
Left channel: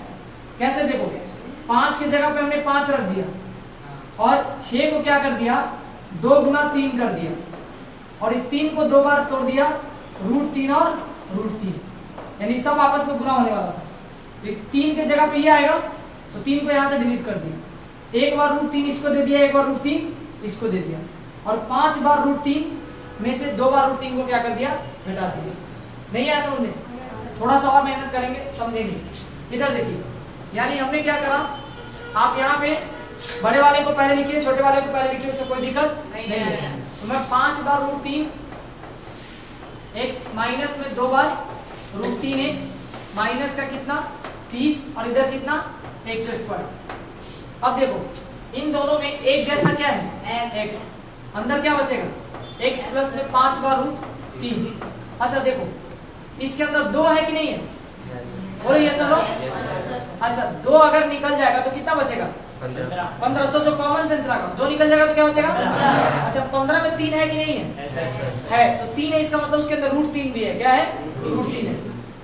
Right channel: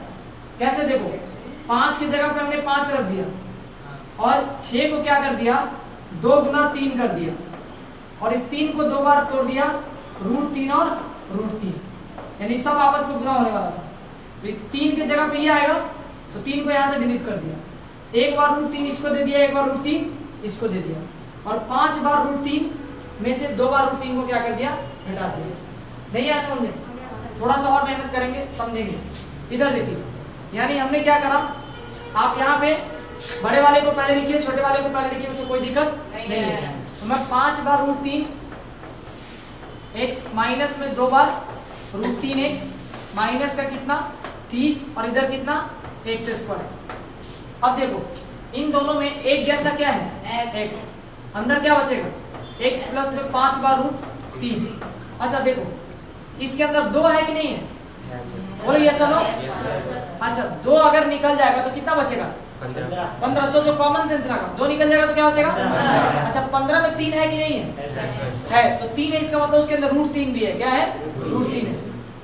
कैसे, देखो 5 की जगह पे हमने 5 रख दिया और 6 को क्या कर दिया 2 गुना 3 कर दिया, और इस 3 को 2 बार तोड़ दिया √3 और √3, यानी सब आपस में गुना होने वाला था। तो 3 की जगह पे ये आएगा, तो 3 को यहां से डिलीट कर दिया। एक बार √3 इसको दे दिया, एक बार √3 इसको दे दिया, और 5 बार √3 में से 2 बार √3 को क्या कर दिया, घटा दिया। नहीं आया समझे? थोड़ा सा और मेहनत करेंगे समझेंगे। इधर देखिए, यानी हमने क्या करा, आप यहाँ पे बड़े वाले को पहले लिखिए, छोटे वाले को पहले लिखिए, उससे कोई दिक्कत नहीं है। तो मैं 5 बार √3 x माइनस में 2 बार √3x माइनस का कितना 30 और इधर कितना x²। अब देखो इन दोनों में एक जैसा क्या है x, अंदर क्या बचेगा x प्लस में 5 बार √3। अच्छा देखो इसके अंदर 2 है कि नहीं है, बोलो ये चलो। अच्छा 2 अगर निकल जाएगा तो कितना बचेगा 15। जो कॉमन सेंस रखा 2 निकल जाएगा तो क्या बचेगा। अच्छा 15 में 3 है कि नहीं है, तो 3 है, इसका मतलब उसके अंदर √3 भी है। क्या है, √3 है।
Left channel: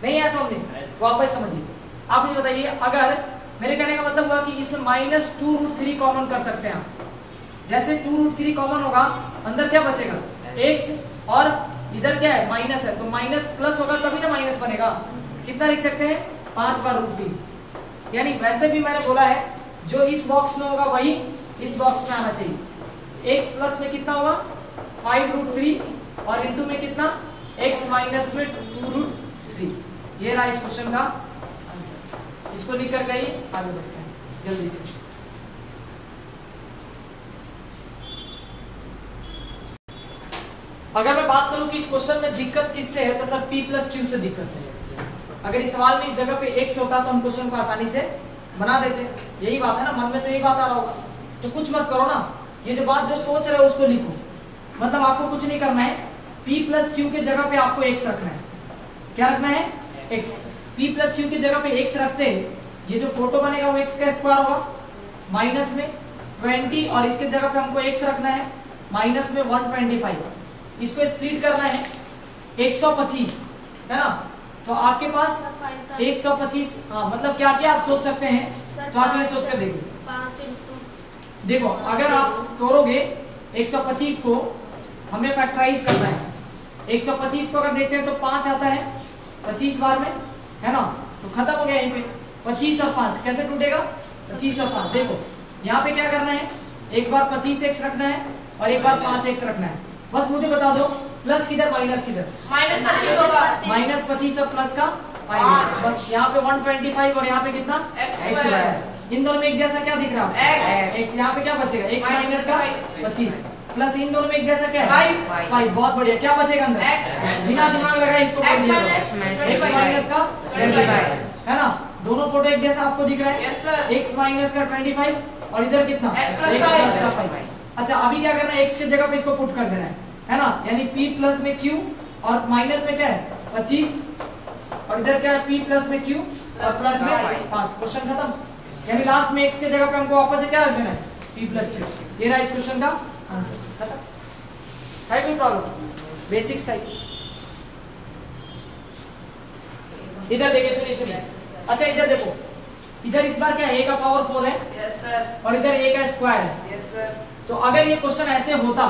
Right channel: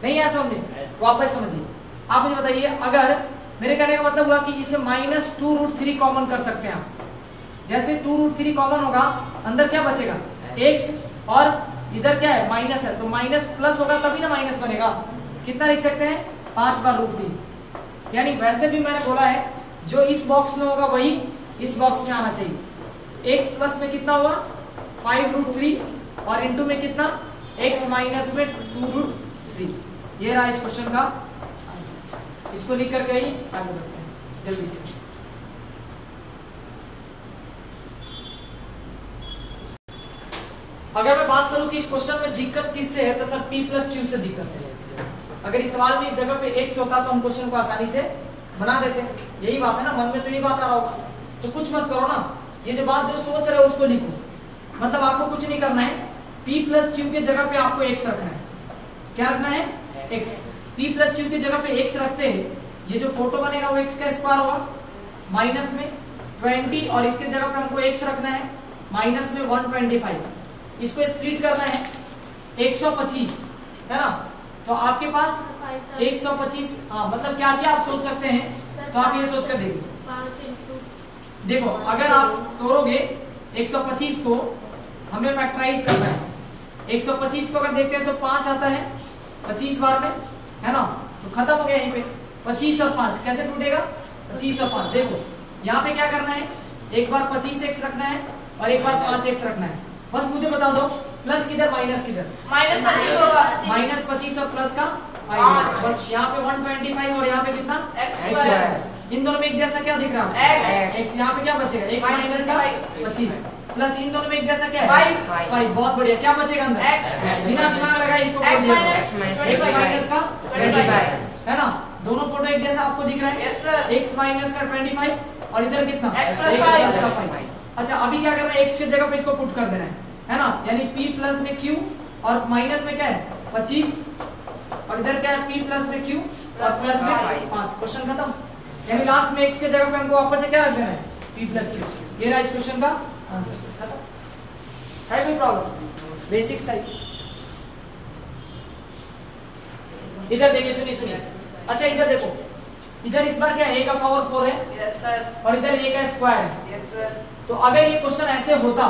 नहीं है समझे, वापस समझिए। आप मुझे बताइए, अगर मेरे कहने का मतलब हुआ कि इसमें -2√3 कॉमन कर सकते हैं आप। जैसे 2√3 कॉमन होगा, अंदर क्या बचेगा x, और इधर क्या है माइनस है, तो माइनस प्लस होगा तभी ना माइनस बनेगा। कितना लिख सकते हैं 5 बार √3। यानी वैसे भी मैंने बोला है जो इस बॉक्स में होगा वही इस बॉक्स में आना चाहिए। x प्लस में कितना हुआ 5√3 और इंटू में कितना x माइनस में 2√3। ये रहा इस क्वेश्चन का आंसर। इसको लिख कर कहिए, आगे बढ़ते हैं जल्दी से। अगर मैं बात करूं कि इस क्वेश्चन में दिक्कत किससे है, तो सर P+Q से दिक्कत है। अगर इस सवाल में इस जगह पे x होता तो हम क्वेश्चन को आसानी से बना देते। यही बात है ना, मन में तो यही बात आ रहा होगा। तो कुछ मत करो ना, ये जो बात जो सोच रहे हो उसको लिखो। मतलब आपको कुछ नहीं करना है, P+Q की जगह पे आपको x रखना है। क्या रखना है x। P+Q की जगह पे x रखते हैं, ये जो फोटो बनेगा वो x का स्क्वायर होगा माइनस में 20, और इसके जगह पे हमको x रखना है माइनस में 125। इसको स्प्लिट करना है 125, है ना। तो आपके पास 125, हाँ मतलब क्या क्या आप सोच सकते हैं, तो आप ये सोच कर देखिए। देखो अगर आप तोड़ोगे 125 को, हमें फैक्टराइज करना है। 125 को अगर देखते हैं तो 5 आता है 25 बार में, है ना। तो खत्म हो गया यहीं पे। 25 और 5 कैसे टूटेगा, 25 और 5। देखो यहाँ पे क्या करना है, एक बार 25x रखना है और एक बार 5x रखना है। बस मुझे बता दो प्लस किधर माइनस किधर, -25 होगा। -25 और प्लस का माइनस। बस यहाँ पे 125 और यहाँ पे कितना x²। इन दोनों में एक जैसा क्या दिख रहा है x। यहाँ पे क्या बचेगा x माइनस का 25 प्लस इन दोनों में एक जैसा क्या है 5। बहुत बढ़िया, क्या बचेगा अंदर x। बिना दिमाग लगाए इसको x माइनस का 25, है ना। दोनों फोटो एक जैसा आपको दिख रहा है, x माइनस का 25 और इधर कितना x+5। अच्छा अभी क्या करना है, x की जगह पे इसको पुट कर देना है ना। यानी P प्लस में Q और माइनस में क्या है 25, और इधर क्या है P प्लस में Q और प्लस में 5। क्वेश्चन खत्म। यानी लास्ट में x की जगह पे हमको वापस से क्या रख देना है P प्लस Q। ये रहा इस क्वेश्चन का आंसर। खत्म है, कोई प्रॉब्लम, बेसिक्स था। इधर देखिए, सुनिए। अच्छा इधर देखो, इधर इस बार क्या है a का पावर 4 है, यस सर। और इधर a का स्क्वायर है। Yes sir. तो अगर ये क्वेश्चन ऐसे होता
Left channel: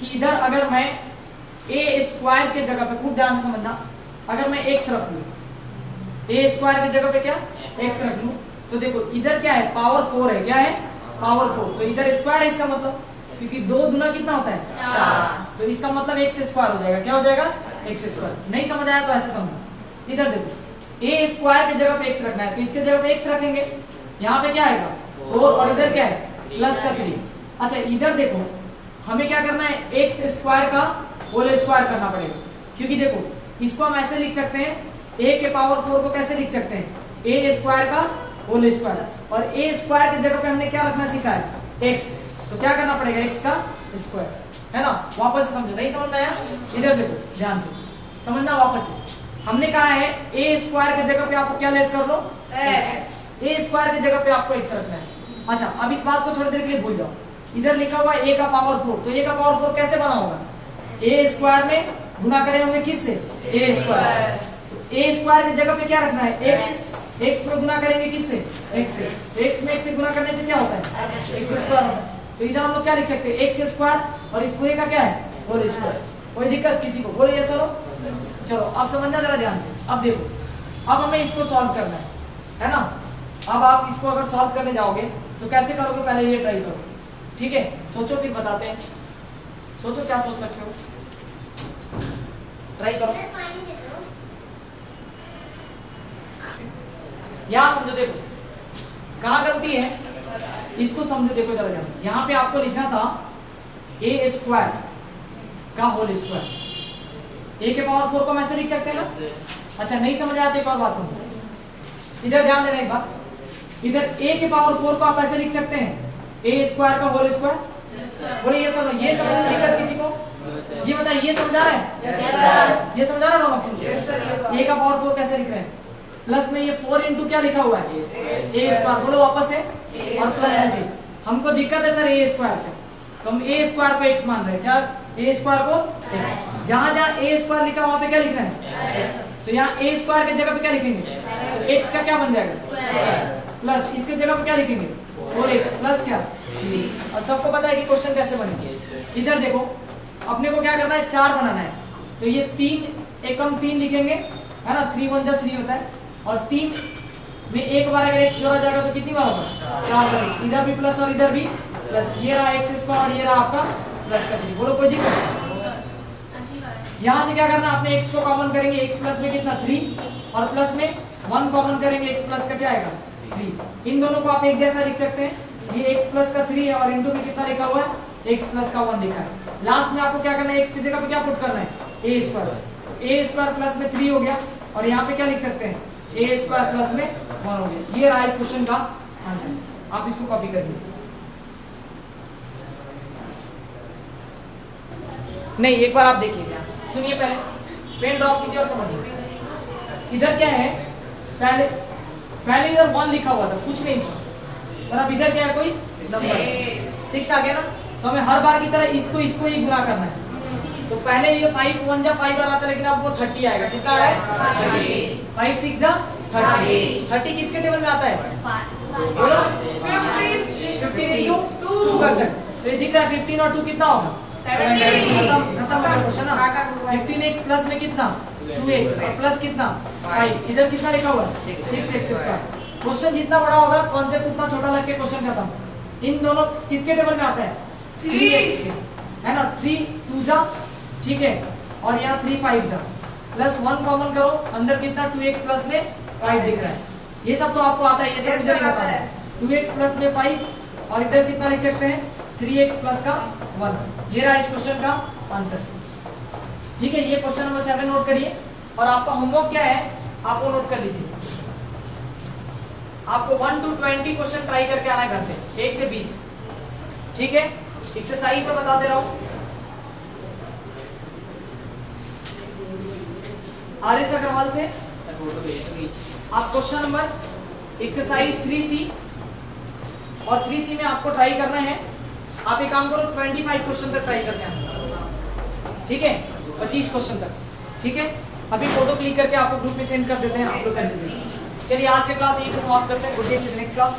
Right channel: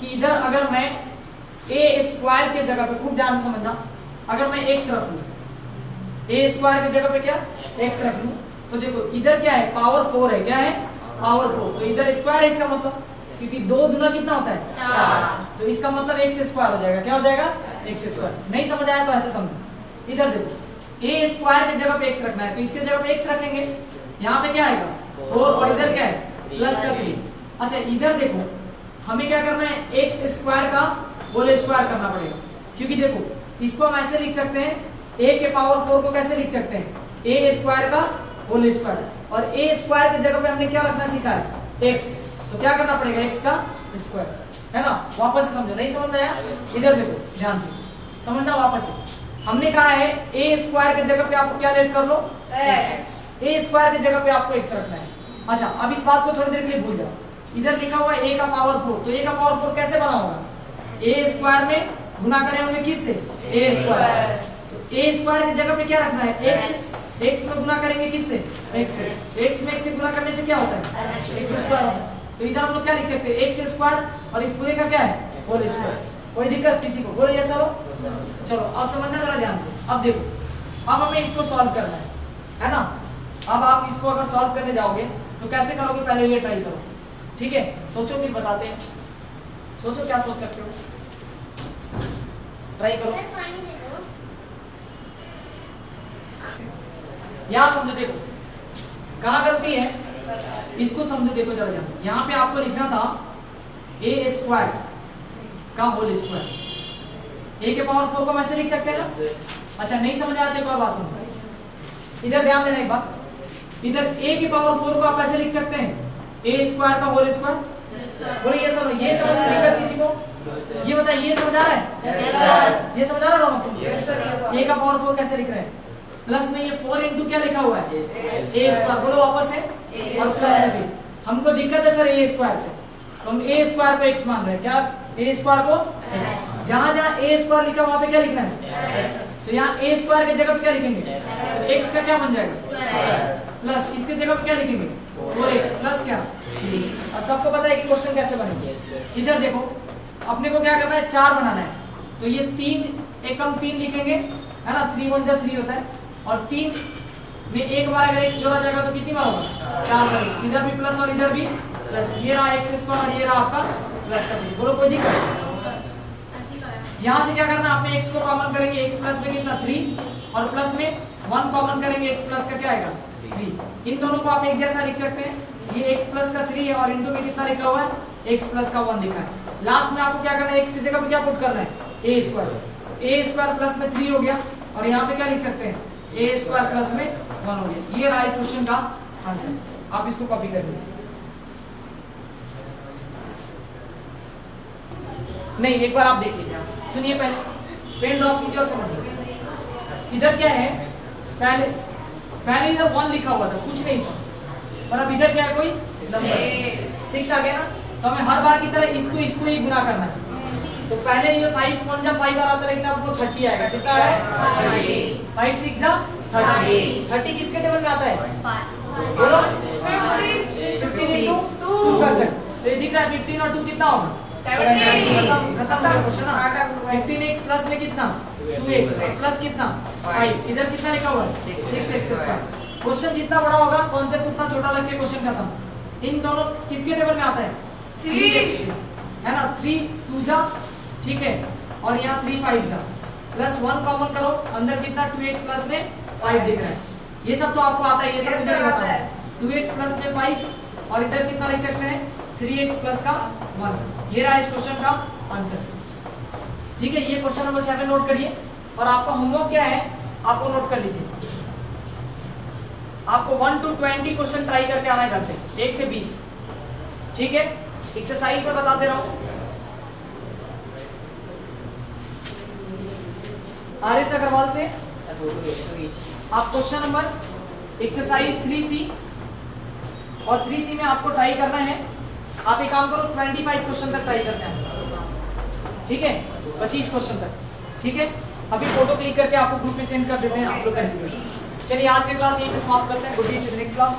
कि इधर अगर मैं a स्क्वायर के जगह पे, खूब ध्यान से समझना, अगर मैं x रख लू, a स्क्वायर की जगह पे क्या x रख लू, तो देखो इधर क्या है पावर 4 है। क्या है पावर 4, तो इधर स्क्वायर है इसका मतलब, क्योंकि 2 गुना कितना होता है 4, तो इसका मतलब x स्क्वायर हो जाएगा। क्या हो जाएगा x स्क्वायर। नहीं समझ आया तो ऐसे समझो। इधर देखो a स्क्वायर की जगह पे x रखना है, तो इसके जगह पे x रखेंगे। यहाँ पे क्या आएगा 4 और इधर क्या है प्लस का 3। अच्छा इधर देखो हमें क्या करना है, x स्क्वायर का होल स्क्वायर करना पड़ेगा, क्योंकि देखो इसको हम ऐसे लिख सकते हैं, a के पावर 4 को कैसे लिख सकते हैं a स्क्वायर का होल स्क्वायर, और a स्क्वायर की जगह पे हमने क्या रखना सीखा है x। तो क्या करना पड़ेगा x का स्क्वायर, है ना। वापस से समझो, नहीं समझ आया इधर देखो ध्यान से समझना। वापस से हमने कहा है a स्क्वायर की जगह पे आप क्या लेट कर लो x, a स्क्वायर की जगह पे आपको x रखना है। अच्छा अब इस बात को थोड़ी देर के लिए भूल जाओ। इधर लिखा हुआ a का पावर 4, तो a का पावर 4 कैसे बना होगा, a स्क्वायर में गुना करे होंगे किससे a स्क्वायर। तो a स्क्वायर की जगह पे क्या रखना है x में गुना करेंगे किससे x से। तो x में x से गुना करने से क्या होता है x स्क्वायर। तो इधर हम लोग क्या लिख सकते हैं x स्क्वायर, और इस पूरे का क्या है होल स्क्वायर। कोई दिक्कत किसी को, बोलिए चलो। चलो अब समझना जरा ध्यान से। अब देखो अब हमें इसको सॉल्व करना है। है ना। अब आप इसको अगर सॉल्व करने जाओगे तो कैसे करोगे, पहले ये ट्राई करो, ठीक है। सोचो फिर बताते हैं, सोचो क्या सोच सकते हो, ट्राई करो। यहां समझो, देखो कहां गलती है, इसको समझो, देखो जरा ध्यान से। यहां पे आपको लिखना था ए स्क्वायर का होल स्क्वायर। ए के पावर 4 को हम ऐसे लिख सकते हैं ना। अच्छा नहीं समझ आते, एक और बात समझो, इधर ध्यान देना एक बार। इधर ए के पावर 4 को आप ऐसे लिख सकते हैं ए स्क्वायर का होल स्क्वायर। बोले ये सुनो, ये समझ नहीं किसी को, ये बताइए ये समझ आ रहा है, ये समझ आ रहा है। ए का पावर 4 कैसे लिख रहे हैं, प्लस में ये 4 इंटू क्या लिखा हुआ है, ए स्क्वायर। बोलो वापस है, और प्लस में भी हमको दिक्कत है सर ए स्क्वायर से, तो हम ए स्क्वायर को एक्स मान रहे हैं। क्या ए स्क्वायर को एक्स, जहां जहां ए स्क्वायर लिखा वहां पे क्या लिख रहे हैं, तो यहाँ ए स्क्वायर की जगह पे क्या लिखेंगे, एक्स का क्या बन जाएगा प्लस, इसकी जगह पे क्या लिखेंगे 4x प्लस क्या। अब सबको पता है कि क्वेश्चन कैसे बनेंगे। इधर देखो, अपने को क्या करना है, 4 बनाना है, तो ये 3 एकम 3 लिखेंगे, है ना। 3 1 जा 3 होता है, और 3 में एक बार अगर एक्स जोड़ा जाएगा तो कितनी बार होगा, 4 बार। इधर भी प्लस और इधर भी प्लस, ये रहा एक्स स्क्वायर और ये रहा आपका प्लस का। बोलो कोई दिक्कत। यहाँ से क्या करना, आपने x को कॉमन करेंगे, x प्लस में कितना 3, और प्लस में 1 कॉमन करेंगे, x प्लस का क्या आएगा 3। इन दोनों को आप एक जैसा लिख सकते हैं, ये x प्लस का 3 है और इंटू में कितना लिखा हुआ है, x प्लस का 1 लिखा है। लास्ट में आपको क्या करना है, x की जगह पे क्या पुट करना है, a स्क्वायर प्लस में 3 हो गया, और यहाँ पे क्या लिख सकते हैं, a स्क्वायर प्लस में 1 हो गया। ये रहा इस क्वेश्चन का आंसर, आप इसको कॉपी कर लीजिए। नहीं, एक बार आप देखिए, सुनिए, पहले पेन ड्रॉप कीजिए और समझिए। इधर क्या है, पहले इधर 1 लिखा हुआ था, कुछ नहीं था, और अब इधर क्या है, कोई नंबर 6 आ गया ना। तो हमें हर बार की तरह इसको ही गुना करना है। तो पहले ये 5 1 जा 5 आ रहा था, लेकिन आपको 30 आएगा। कितना है, 5 6 जा 30। 30 किसके टेबल में आता है, 15 इंटू 2%। तो ये दिख रहा है 15 और 2 कितना होगा, 15x प्लस में कितना 2x प्लस कितना 5, इधर कितना लिखा हुआ है 6x का। क्वेश्चन जितना बड़ा होगा कॉन्सेप्ट उतना छोटा रख के क्वेश्चन खत्म। इन दोनों किसके टेबल में आता है, 3x है ना। 3 2 जा, ठीक है, और यहाँ 3 5 जा, प्लस 1 कॉमन करो, अंदर कितना 2x प्लस में 5 दिख रहा है। ये सब तो आपको आता है, ये सब मुझे आता है। 2x प्लस में 5, और इधर कितना लिख सकते हैं 3x प्लस का 1। ये रहा इस क्वेश्चन का आंसर, ठीक है। ये क्वेश्चन नंबर 7 नोट करिए, और आपका होमवर्क क्या है आपको नोट कर लीजिए। आपको 1 to 20 क्वेश्चन ट्राई करके आना है घर से, 1 से 20, ठीक है। एक्सरसाइज में बताते रहो। आर.एस. अग्रवाल से आप क्वेश्चन नंबर एक्सरसाइज 3C और 3C में आपको ट्राई करना है। आप एक काम करो, 25 क्वेश्चन तक ट्राई करते हैं, ठीक है, 25 क्वेश्चन तक, ठीक है। अभी फोटो क्लिक करके आपको ग्रुप में सेंड कर देते हैं, आप लोग कर दीजिए। चलिए आज का क्लास यहीं पे समाप्त करते हैं। Good day, next class.